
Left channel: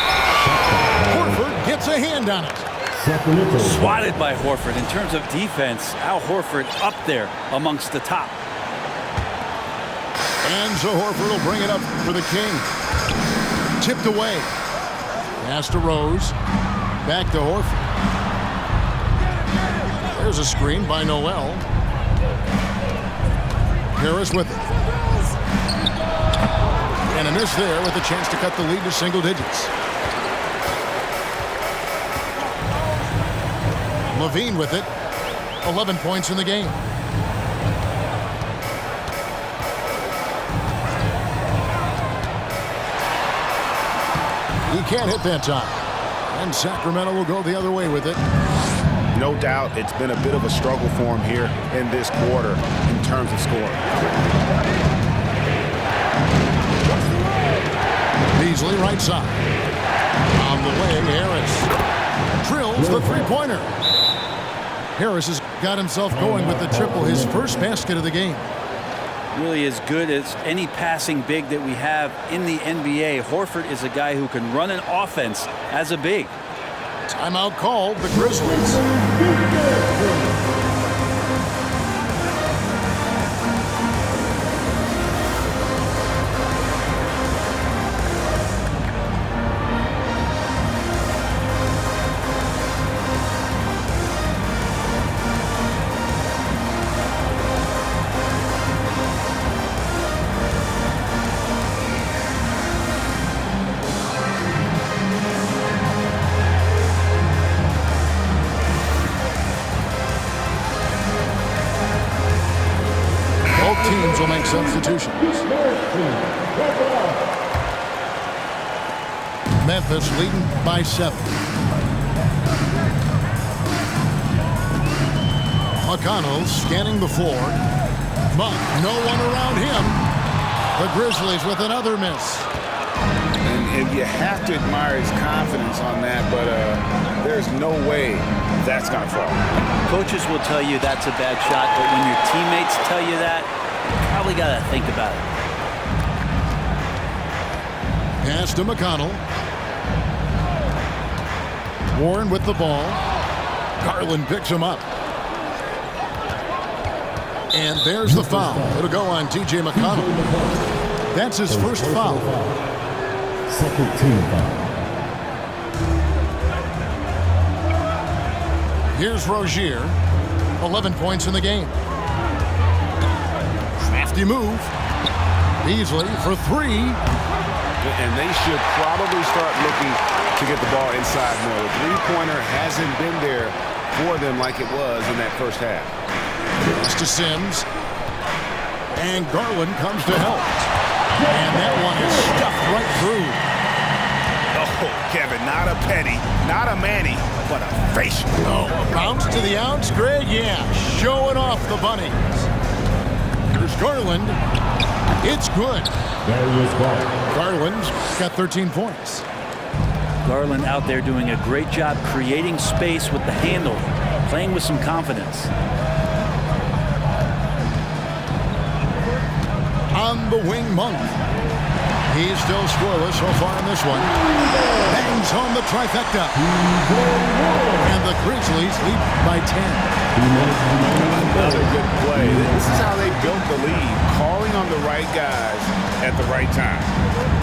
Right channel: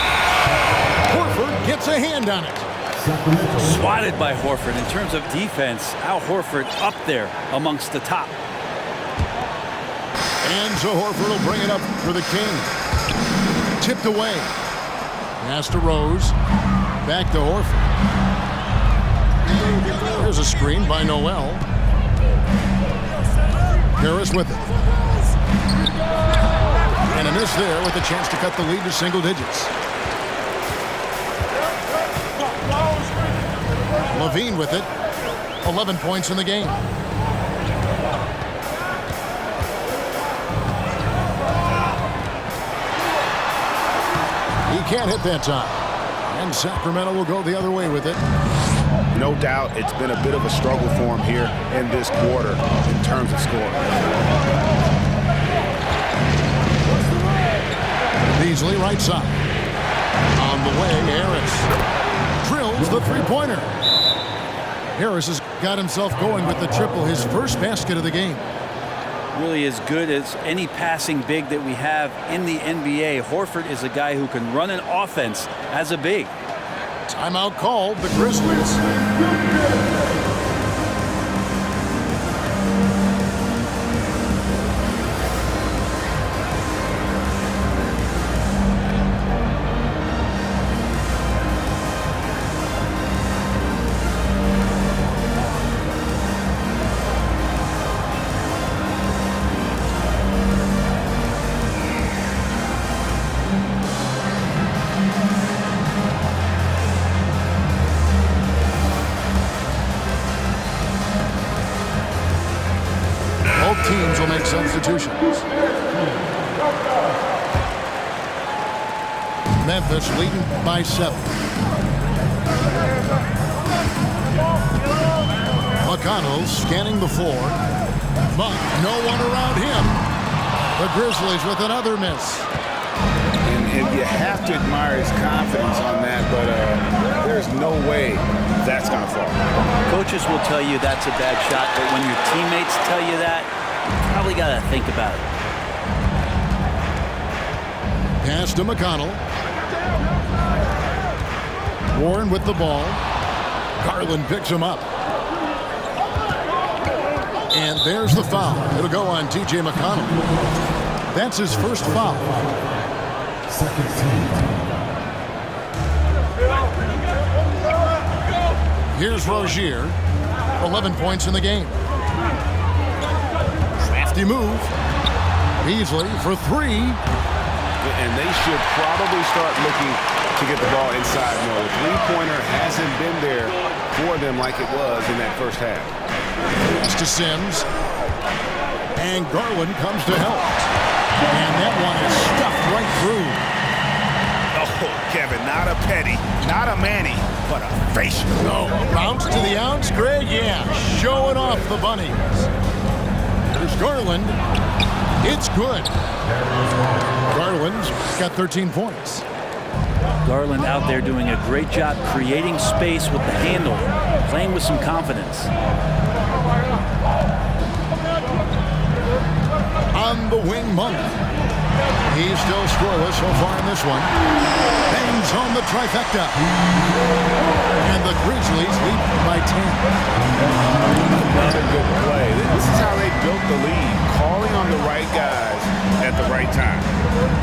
Horford gets a hand on it. Swatted by Horford. In terms of defense, Al Horford up there amongst the top. And so Horford will bring it up for the King. Tipped away. Pass to Rose. Back to Horford. There's a screen by Noel. Harris with it. And a miss there with a chance to cut the lead to single digits. Levine with it. 11 points in the game. He can't hit that time. And Sacramento will go the other way with it. No doubt it's been a bit of a struggle for him here in this quarter in terms of scoring. Beasley right side. On the way, Harris. Drills the three-pointer. Harris has got himself going with the triple, his first basket of the game. Really as good as any passing big that we have in the NBA. Horford is a guy who can run an offense as a big. Timeout called, the Grizzlies. Both teams will make substitutions. Memphis leading by 7. McConnell scanning the floor. Monk, no one around him. The Grizzlies with another miss. And you have to admire his confidence on that, but there's no way that's going to fall. Coaches will tell you that's a bad shot, but when your teammates tell you that, you probably got to think about it. Pass to McConnell. Warren with the ball. Garland picks him up. And there's the foul. It'll go on T.J. McConnell. That's his first foul. Second team foul. Here's Rozier. 11 points in the game. Crafty move. Beasley for 3. And they should probably start looking to get the ball inside more. The three-pointer hasn't been there for them like it was in that first half. Pass to Sims. And Garland comes to help. And that one is stuffed right through. Oh, Kevin, not a Petty, not a Manny, but a facial. Oh, bounce to the ounce, Greg. Yeah, showing off the bunnies. Here's Garland. It's good. There he is, ball. Garland's got 13 points. Garland out there doing a great job creating space with the handle, playing with some confidence. On the wing, Monk. He's still scoreless so far in this one. Bangs home the trifecta. And the Grizzlies lead by 10. Another good play. This is how they built the lead, calling on the right guys at the right time.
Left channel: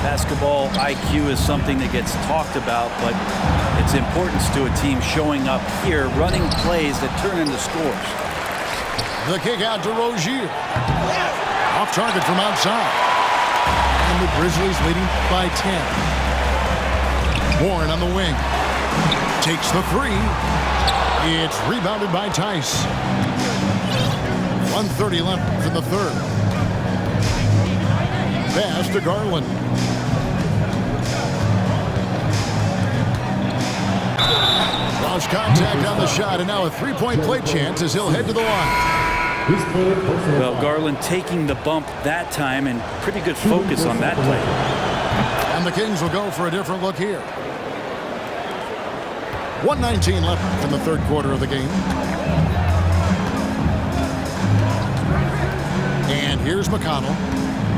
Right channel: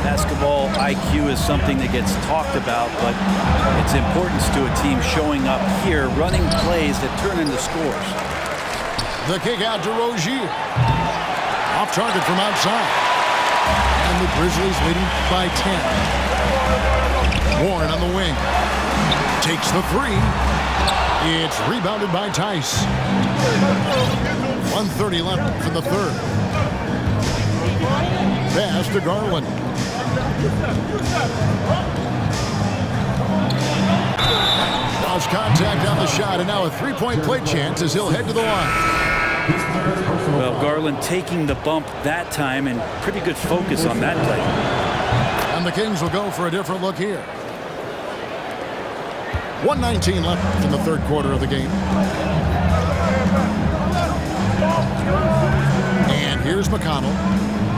Basketball IQ is something that gets talked about, but its importance to a team showing up here, running plays that turn into scores. The kick out to Rozier. Off target from outside. And the Grizzlies leading by 10. Warren on the wing. Takes the 3. It's rebounded by Tice. 1:30 left in the third. Pass to Garland. Lost contact on the shot, and now a three-point play chance as he'll head to the line. Well, Garland taking the bump that time, and pretty good focus on that play. And the Kings will go for a different look here. 1:19 left in the third quarter of the game. And here's McConnell.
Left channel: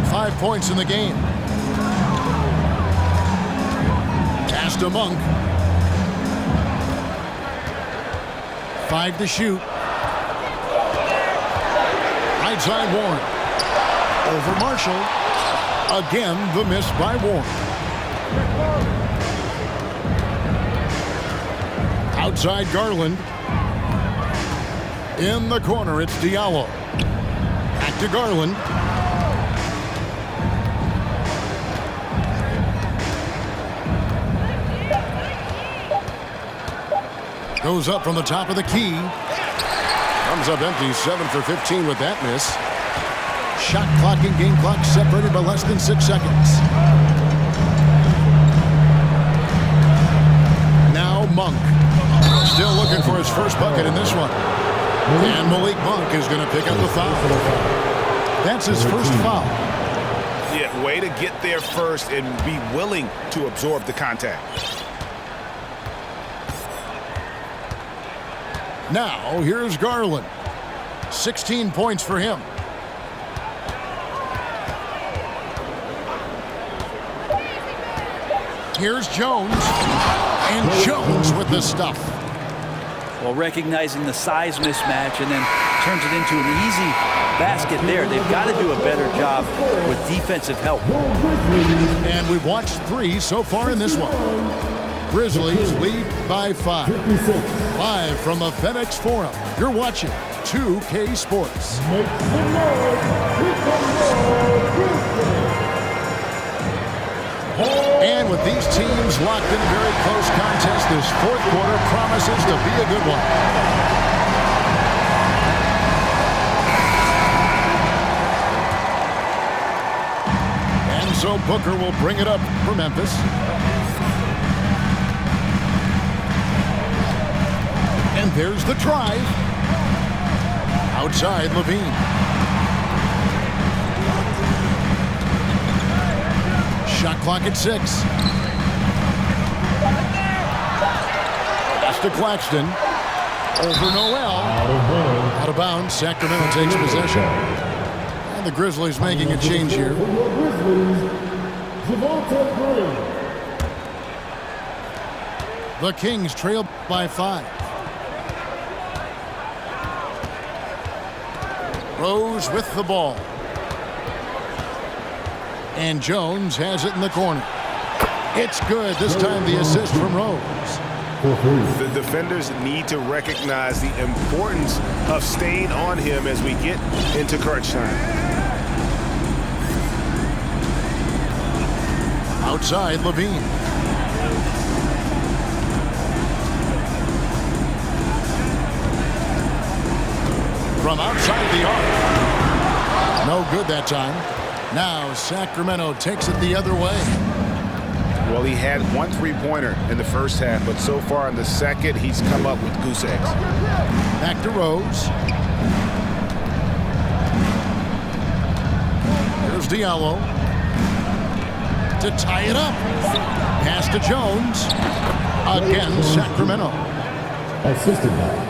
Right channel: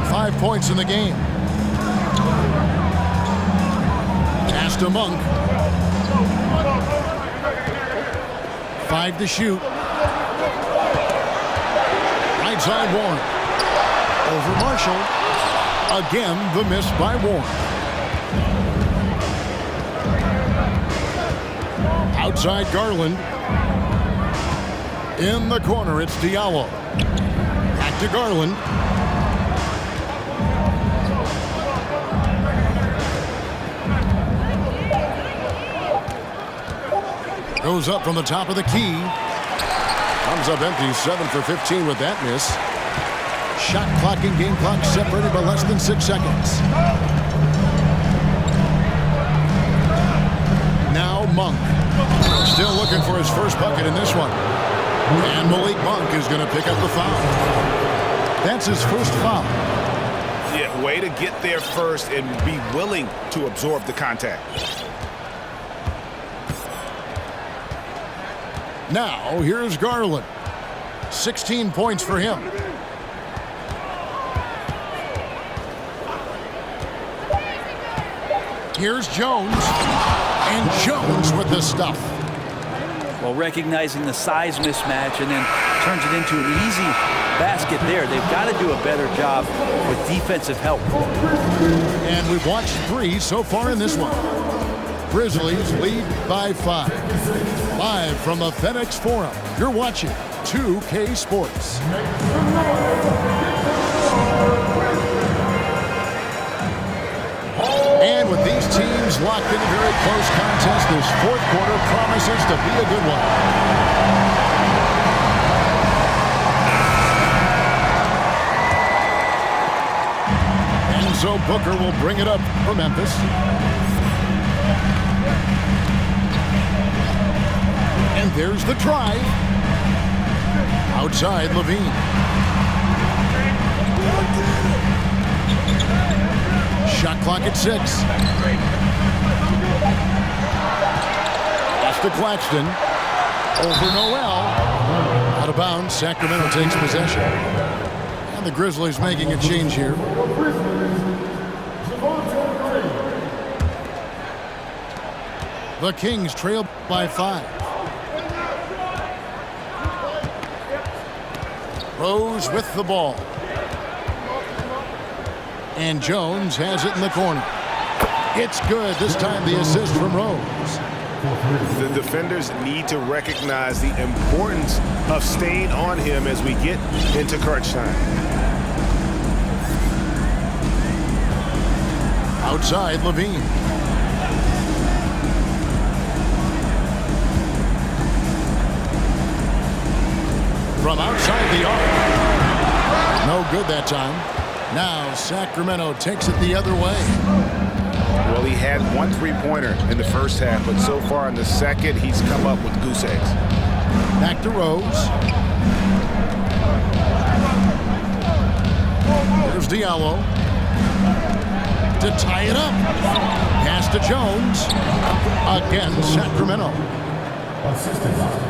5 points in the game. Pass to Monk. 5 to shoot. Right side Warren. Over Marshall. Again, the miss by Warren. Outside Garland. In the corner, it's Diallo. Back to Garland. Goes up from the top of the key. Comes up empty, 7 for 15 with that miss. Shot clock and game clock separated by less than 6 seconds. Now Monk. Still looking for his first bucket in this one. And Malik Monk is going to pick up the foul. That's his first foul. Yeah, way to get there first and be willing to absorb the contact. Now, here's Garland. 16 points for him. Here's Jones. And Jones with the stuff. Well, recognizing the size mismatch and then turns it into an easy basket there. They've got to do a better job with defensive help. And we've watched 3 so far in this one. Grizzlies lead by 5. Live from the FedEx Forum, you're watching 2K Sports. And with these teams locked in a very close contest, this fourth quarter promises to be a good one. And so Booker will bring it up for Memphis. And there's the drive. Outside Levine. Shot clock at 6. Pass to Claxton. Over Noel. Out of bounds. Sacramento takes possession. And the Grizzlies making a change here. The Kings trail by 5. Rose with the ball. And Jones has it in the corner. It's good. This time the assist from Rose. The defenders need to recognize the importance of staying on him as we get into crunch time. Outside Levine. From outside the arc. No good that time. Now Sacramento takes it the other way. Well, he had 1 3-pointer in the first half, but so far in the second, he's come up with goose eggs. Back to Rose. Here's Diallo. To tie it up. Pass to Jones. Again, Sacramento. Assisted by.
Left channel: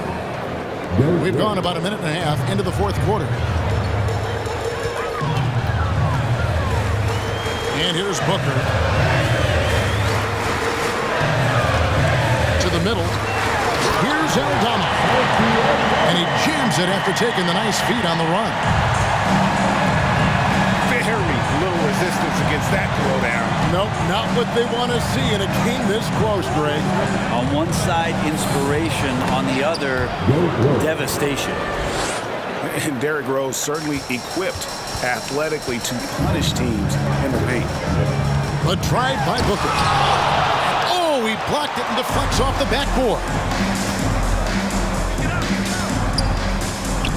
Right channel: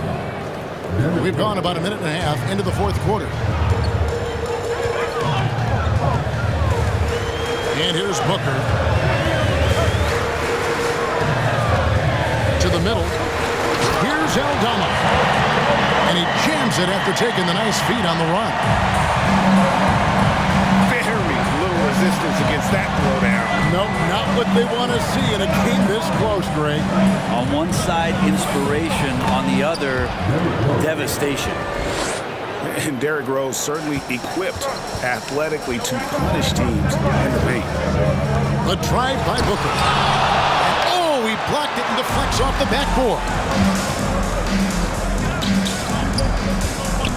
We've gone about a minute and a half into the fourth quarter. And here's Booker. To the middle. Here's Aldama. And he jams it after taking the nice feed on the run. Very little resistance against that throwdown. Nope, not what they want to see in a game this close, Greg. On one side, inspiration. On the other, devastation. And Derrick Rose certainly equipped athletically to punish teams in the paint. A drive by Booker. And oh, he blocked it and deflects off the backboard.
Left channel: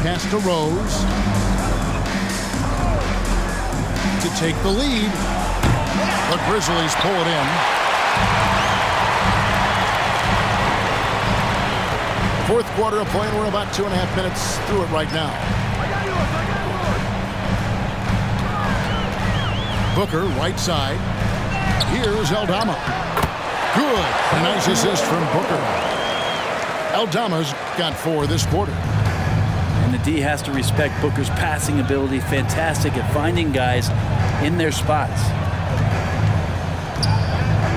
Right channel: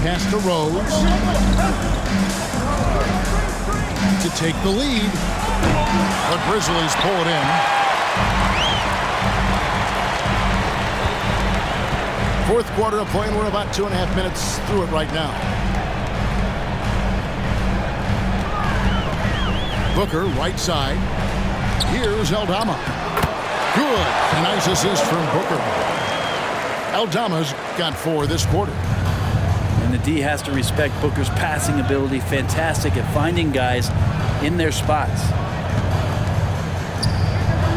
Pass to Rose. To take the lead. The Grizzlies pull it in. Fourth quarter of play, and we're about 2.5 minutes through it right now. Booker, right side. Here's Aldama. Good. A nice assist from Booker. Aldama's got 4 this quarter. And the D has to respect Booker's passing ability. Fantastic at finding guys in their spots.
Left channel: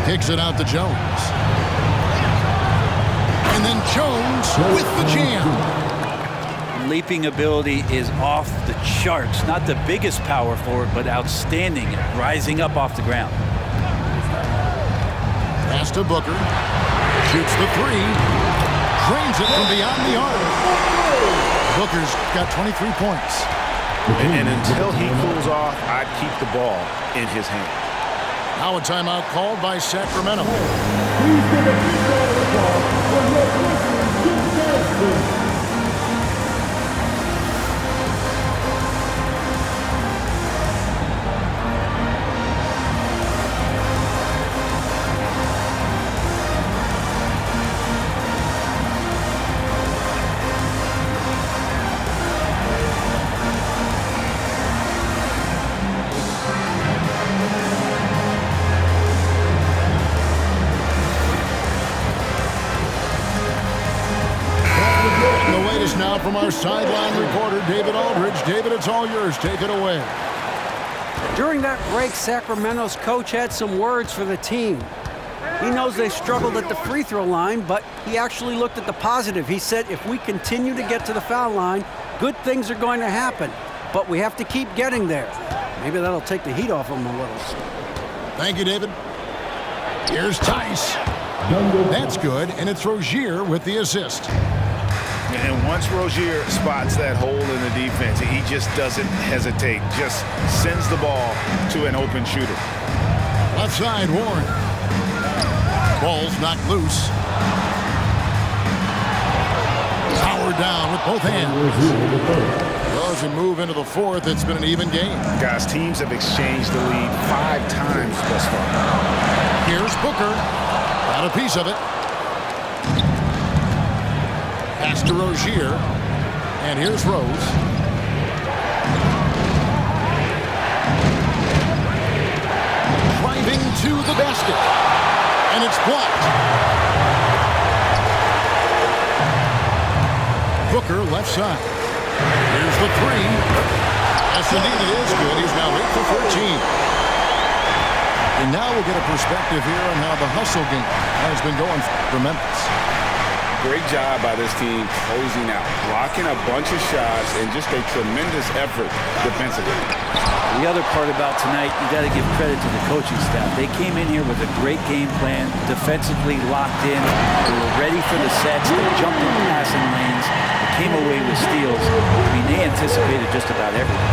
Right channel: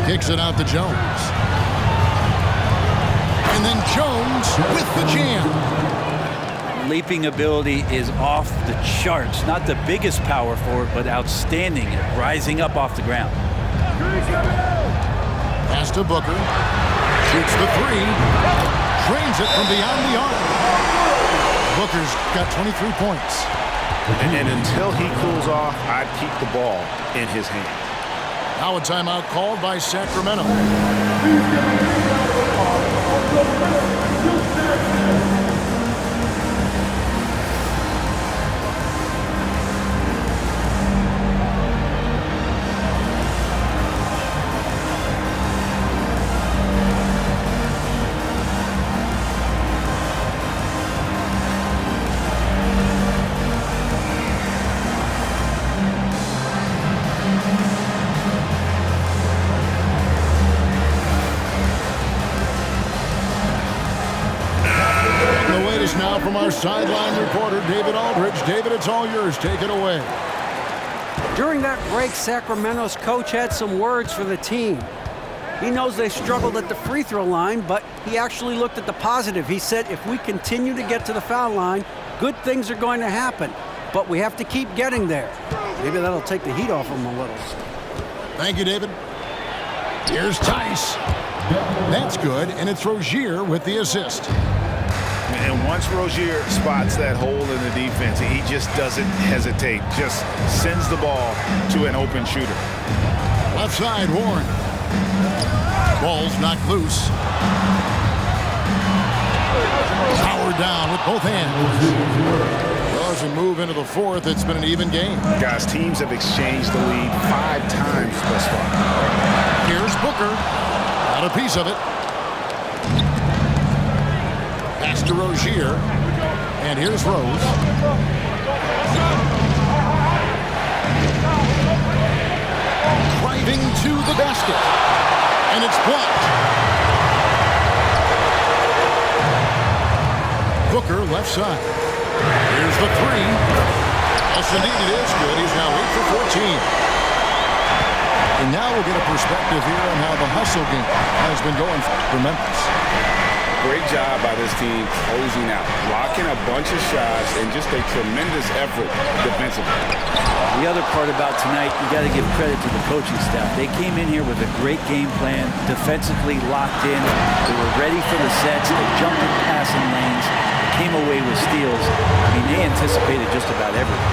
Kicks it out to Jones. And then Jones with the jam. Leaping ability is off the charts. Not the biggest power forward, but outstanding at rising up off the ground. Pass to Booker. Shoots the 3. Drains it from beyond the arc. Booker's got 23 points. And until he cools off, I'd keep the ball in his hands. Now a timeout called by Sacramento. Please give a big round of applause for your first The latest now from our sideline reporter, David Aldridge. David, it's all yours. Take it away. During that break, Sacramento's coach had some words for the team. He knows they struggled at the free throw line, but he actually looked at the positive. He said, if we continue to get to the foul line, good things are going to happen, but we have to keep getting there. Maybe that'll take the heat off them a little. Thank you, David. Here's Tice. That's good, and it's Rozier with the assist. And once Rozier spots that hole in the defense, he just doesn't hesitate. Just sends the ball to an open shooter. Left side, Warren. Ball's knocked loose. Powered down with both hands. Well, as we move into the fourth, it's been an even game. Guys, teams have exchanged the lead 5 times thus far. Here's Booker. Got a piece of it. Pass to Rozier. And here's Rose. Driving to the basket. And it's blocked. Booker left side. Here's the three. Yes, indeed, it is good. He's now 8 for 14. And now we'll get a perspective here on how the hustle game has been going for Memphis. Great job by this team closing out, blocking a bunch of shots, and just a tremendous effort defensively. The other part about tonight, you got to give credit to the coaching staff. They came in here with a great game plan, defensively locked in. They were ready for the sets. They jumped in passing lanes. They came away with steals. I mean, they anticipated just about everything.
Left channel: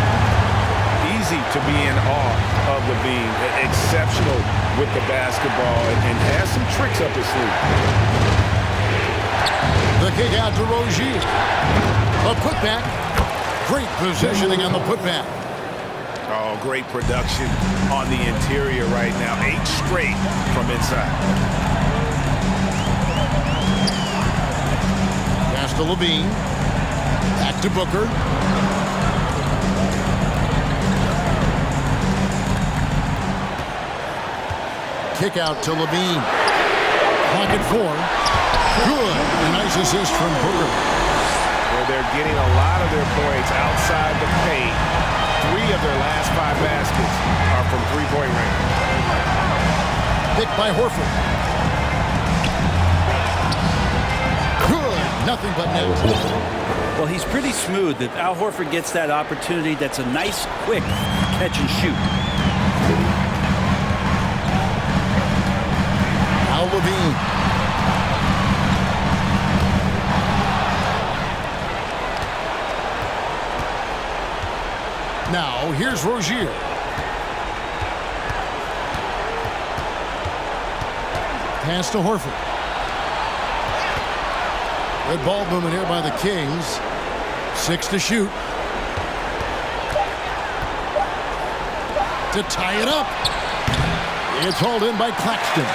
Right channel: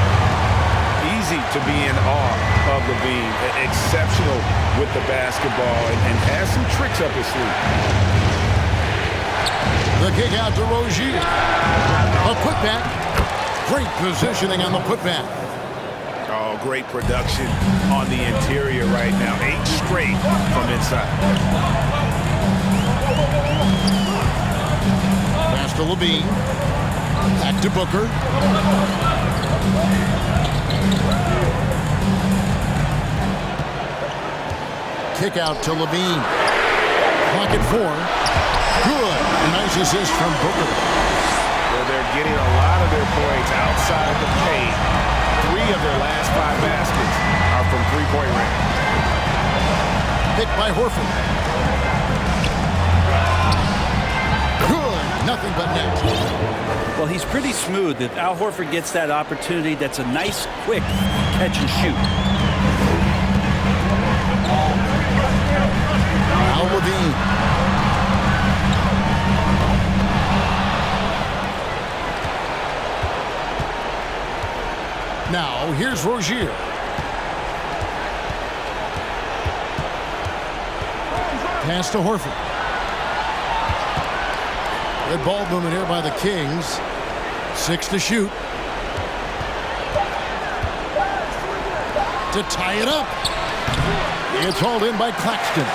Easy to be in awe of Levine. Exceptional with the basketball and has some tricks up his sleeve. The kick out to Rozier. A putback. Great positioning on the putback. Oh, great production on the interior right now. 8 straight from inside. Pass to Levine. Back to Booker. Kick out to Levine. Clock at 4. Good. A nice assist from Booker. They're getting a lot of their points outside the paint. 3 of their last 5 baskets are from three-point range. Picked by Horford. Good. Nothing but net. Well, he's pretty smooth. If Al Horford gets that opportunity, that's a nice, quick catch and shoot. Al Levine. Now, here's Rozier. Pass to Horford. Red ball movement here by the Kings. 6 to shoot. To tie it up. It's hauled in by Claxton.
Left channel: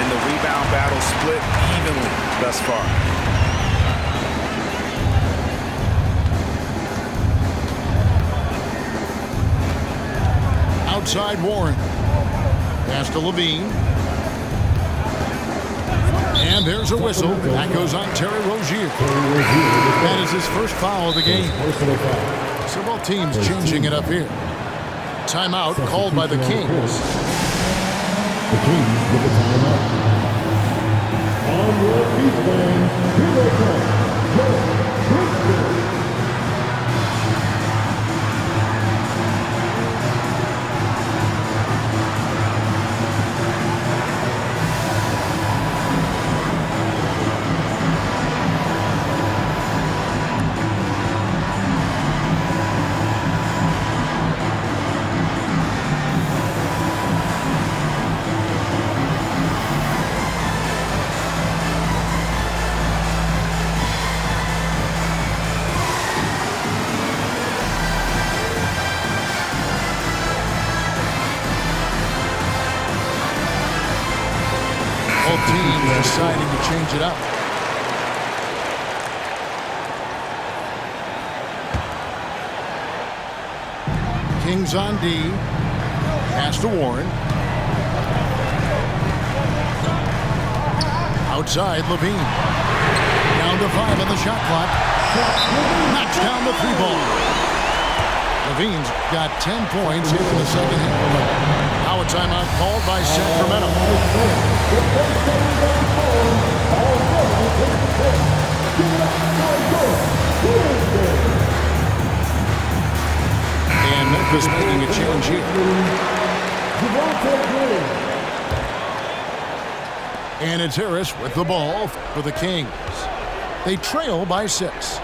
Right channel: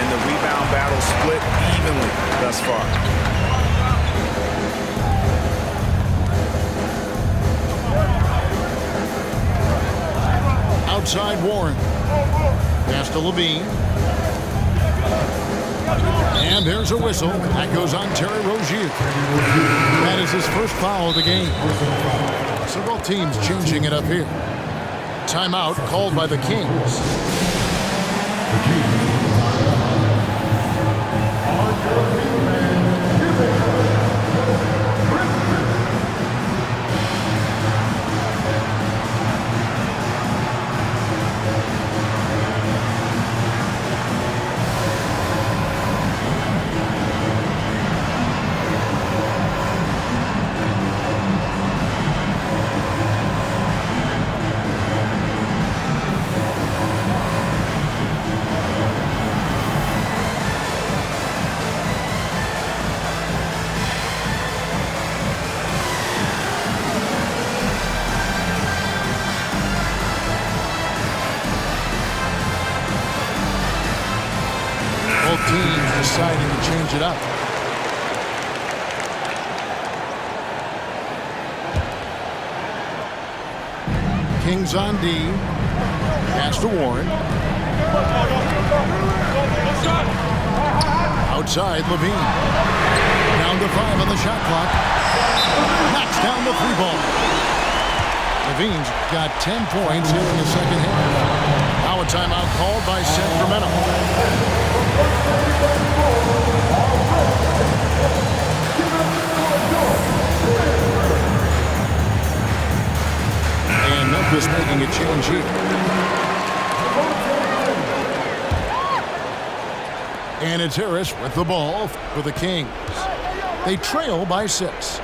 And the rebound battle split evenly thus far. Outside Warren. Pass to Levine. And there's a whistle. That goes on Terry Rozier. That is his first foul of the game. So both teams changing it up here. Timeout called by the Kings. The Kings with the timeout. On your feet, fans, here they come. Grizzlies. Both teams deciding to change it up. Kings on D. Pass to Warren. Outside Levine. Down to 5 on the shot clock. Knocks down the 3-ball. Levine's got 10 points here in the second half. Now a timeout called by Sacramento. And Memphis making a change here. And it's Harris with the ball for the Kings. They trail by 6.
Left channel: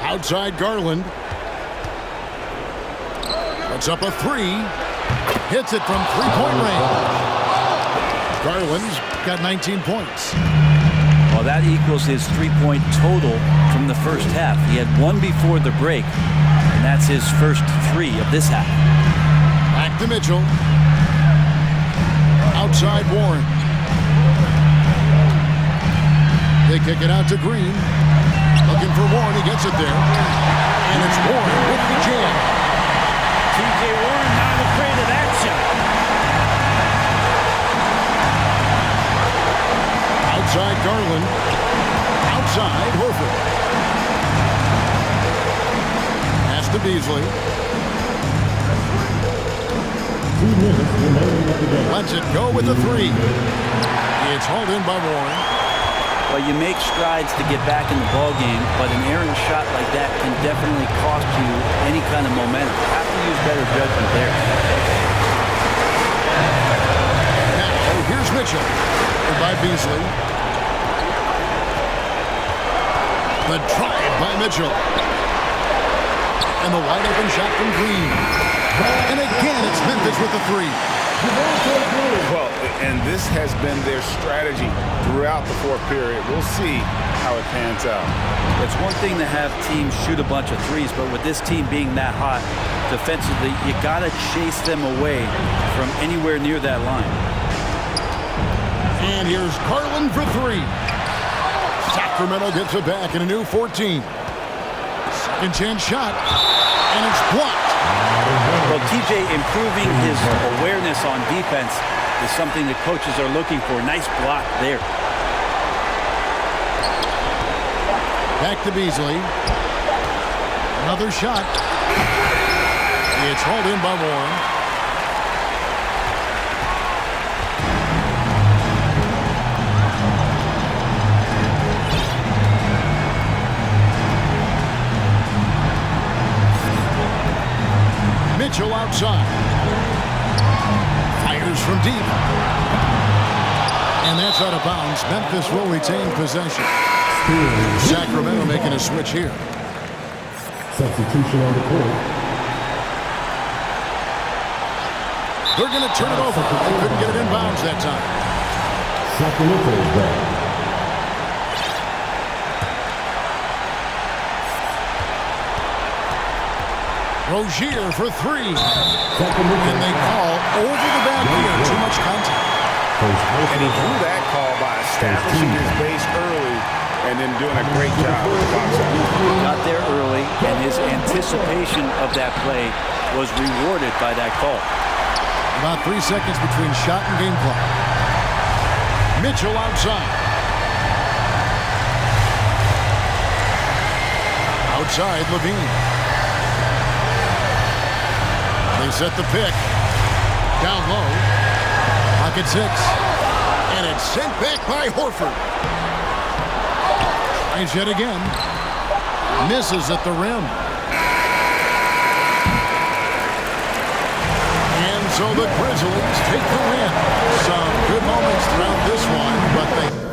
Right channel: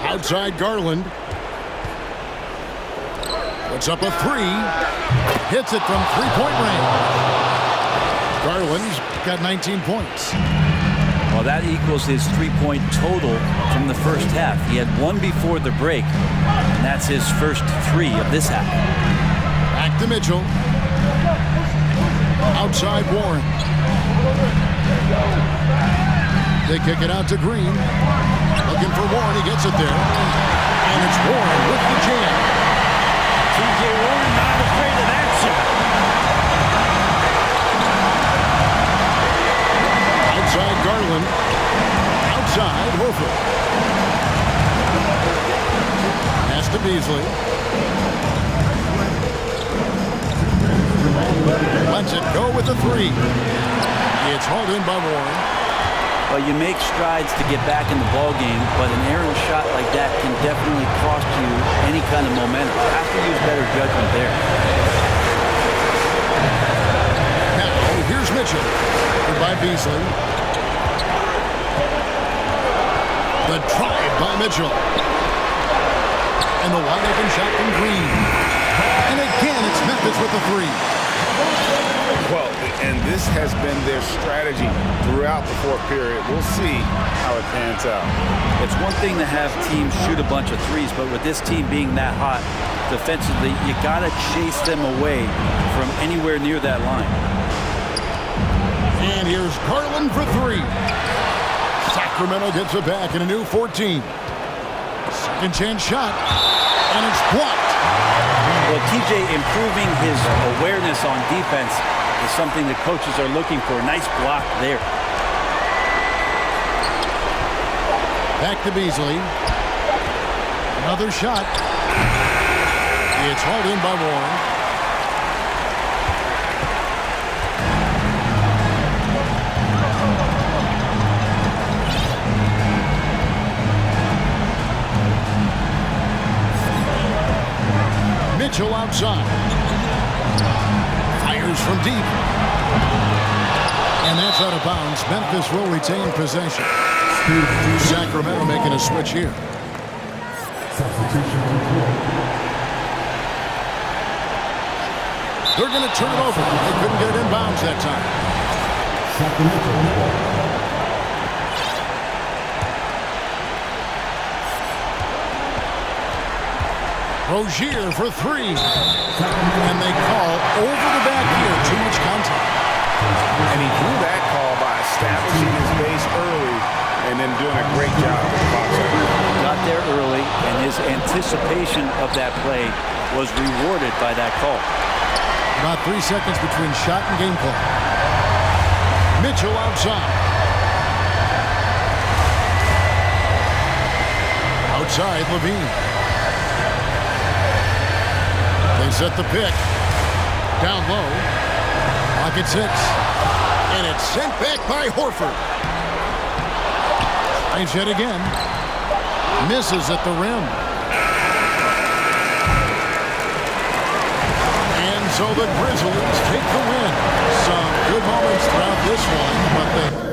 Outside Garland. Puts up a 3. Hits it from 3-point range. Garland's got 19 points. Well, that equals his 3-point total from the first half. He had 1 before the break, and that's his first 3 of this half. Back to Mitchell. Outside Warren. They kick it out to Green. Looking for Warren. He gets it there. And it's Warren with the jam. T.J. Warren not afraid of that shot. Outside Garland. Outside Horford. Pass to Beasley. Lets it go with the three. It's hauled in by Warren. Well, you make strides to get back in the ball game, but an errant shot like that can definitely cost you any kind of momentum. You have to use better judgment there. Now, here's Mitchell. And by Beasley. The drive by Mitchell. And the wide open shot from Green. And again, it's Memphis with the three. Well, and this has been their strategy throughout the fourth period. We'll see how it pans out. It's one thing to have teams shoot a bunch of threes, but with this team being that hot defensively, you got to chase them away from anywhere near that line. And here's Garland for three. Sacramento gets it back in a new 14. Second chance shot, and it's blocked. Well, TJ improving his awareness on defense is something the coaches are looking for. Nice block there. Back to Beasley. Another shot. It's hauled in by Warren. Mitchell outside. Fires from deep. And that's out of bounds. Memphis will retain possession. Sacramento making a switch here. Substitution on the court. They're going to turn it over. They couldn't get it in bounds that time. Sacramento is ball. Rozier for three. And they call over the back here. Too much contact. And he drew that call by establishing his base early and then doing a great job with the box out. Got there early, and his anticipation of that play was rewarded by that call. About 3 seconds between shot and game clock. Mitchell outside. Outside Levine. They set the pick. Down low. Pocket six. And it's sent back by Horford. Tries yet again. Misses at the rim. And so the Grizzlies take the win. Some good moments throughout this one, but they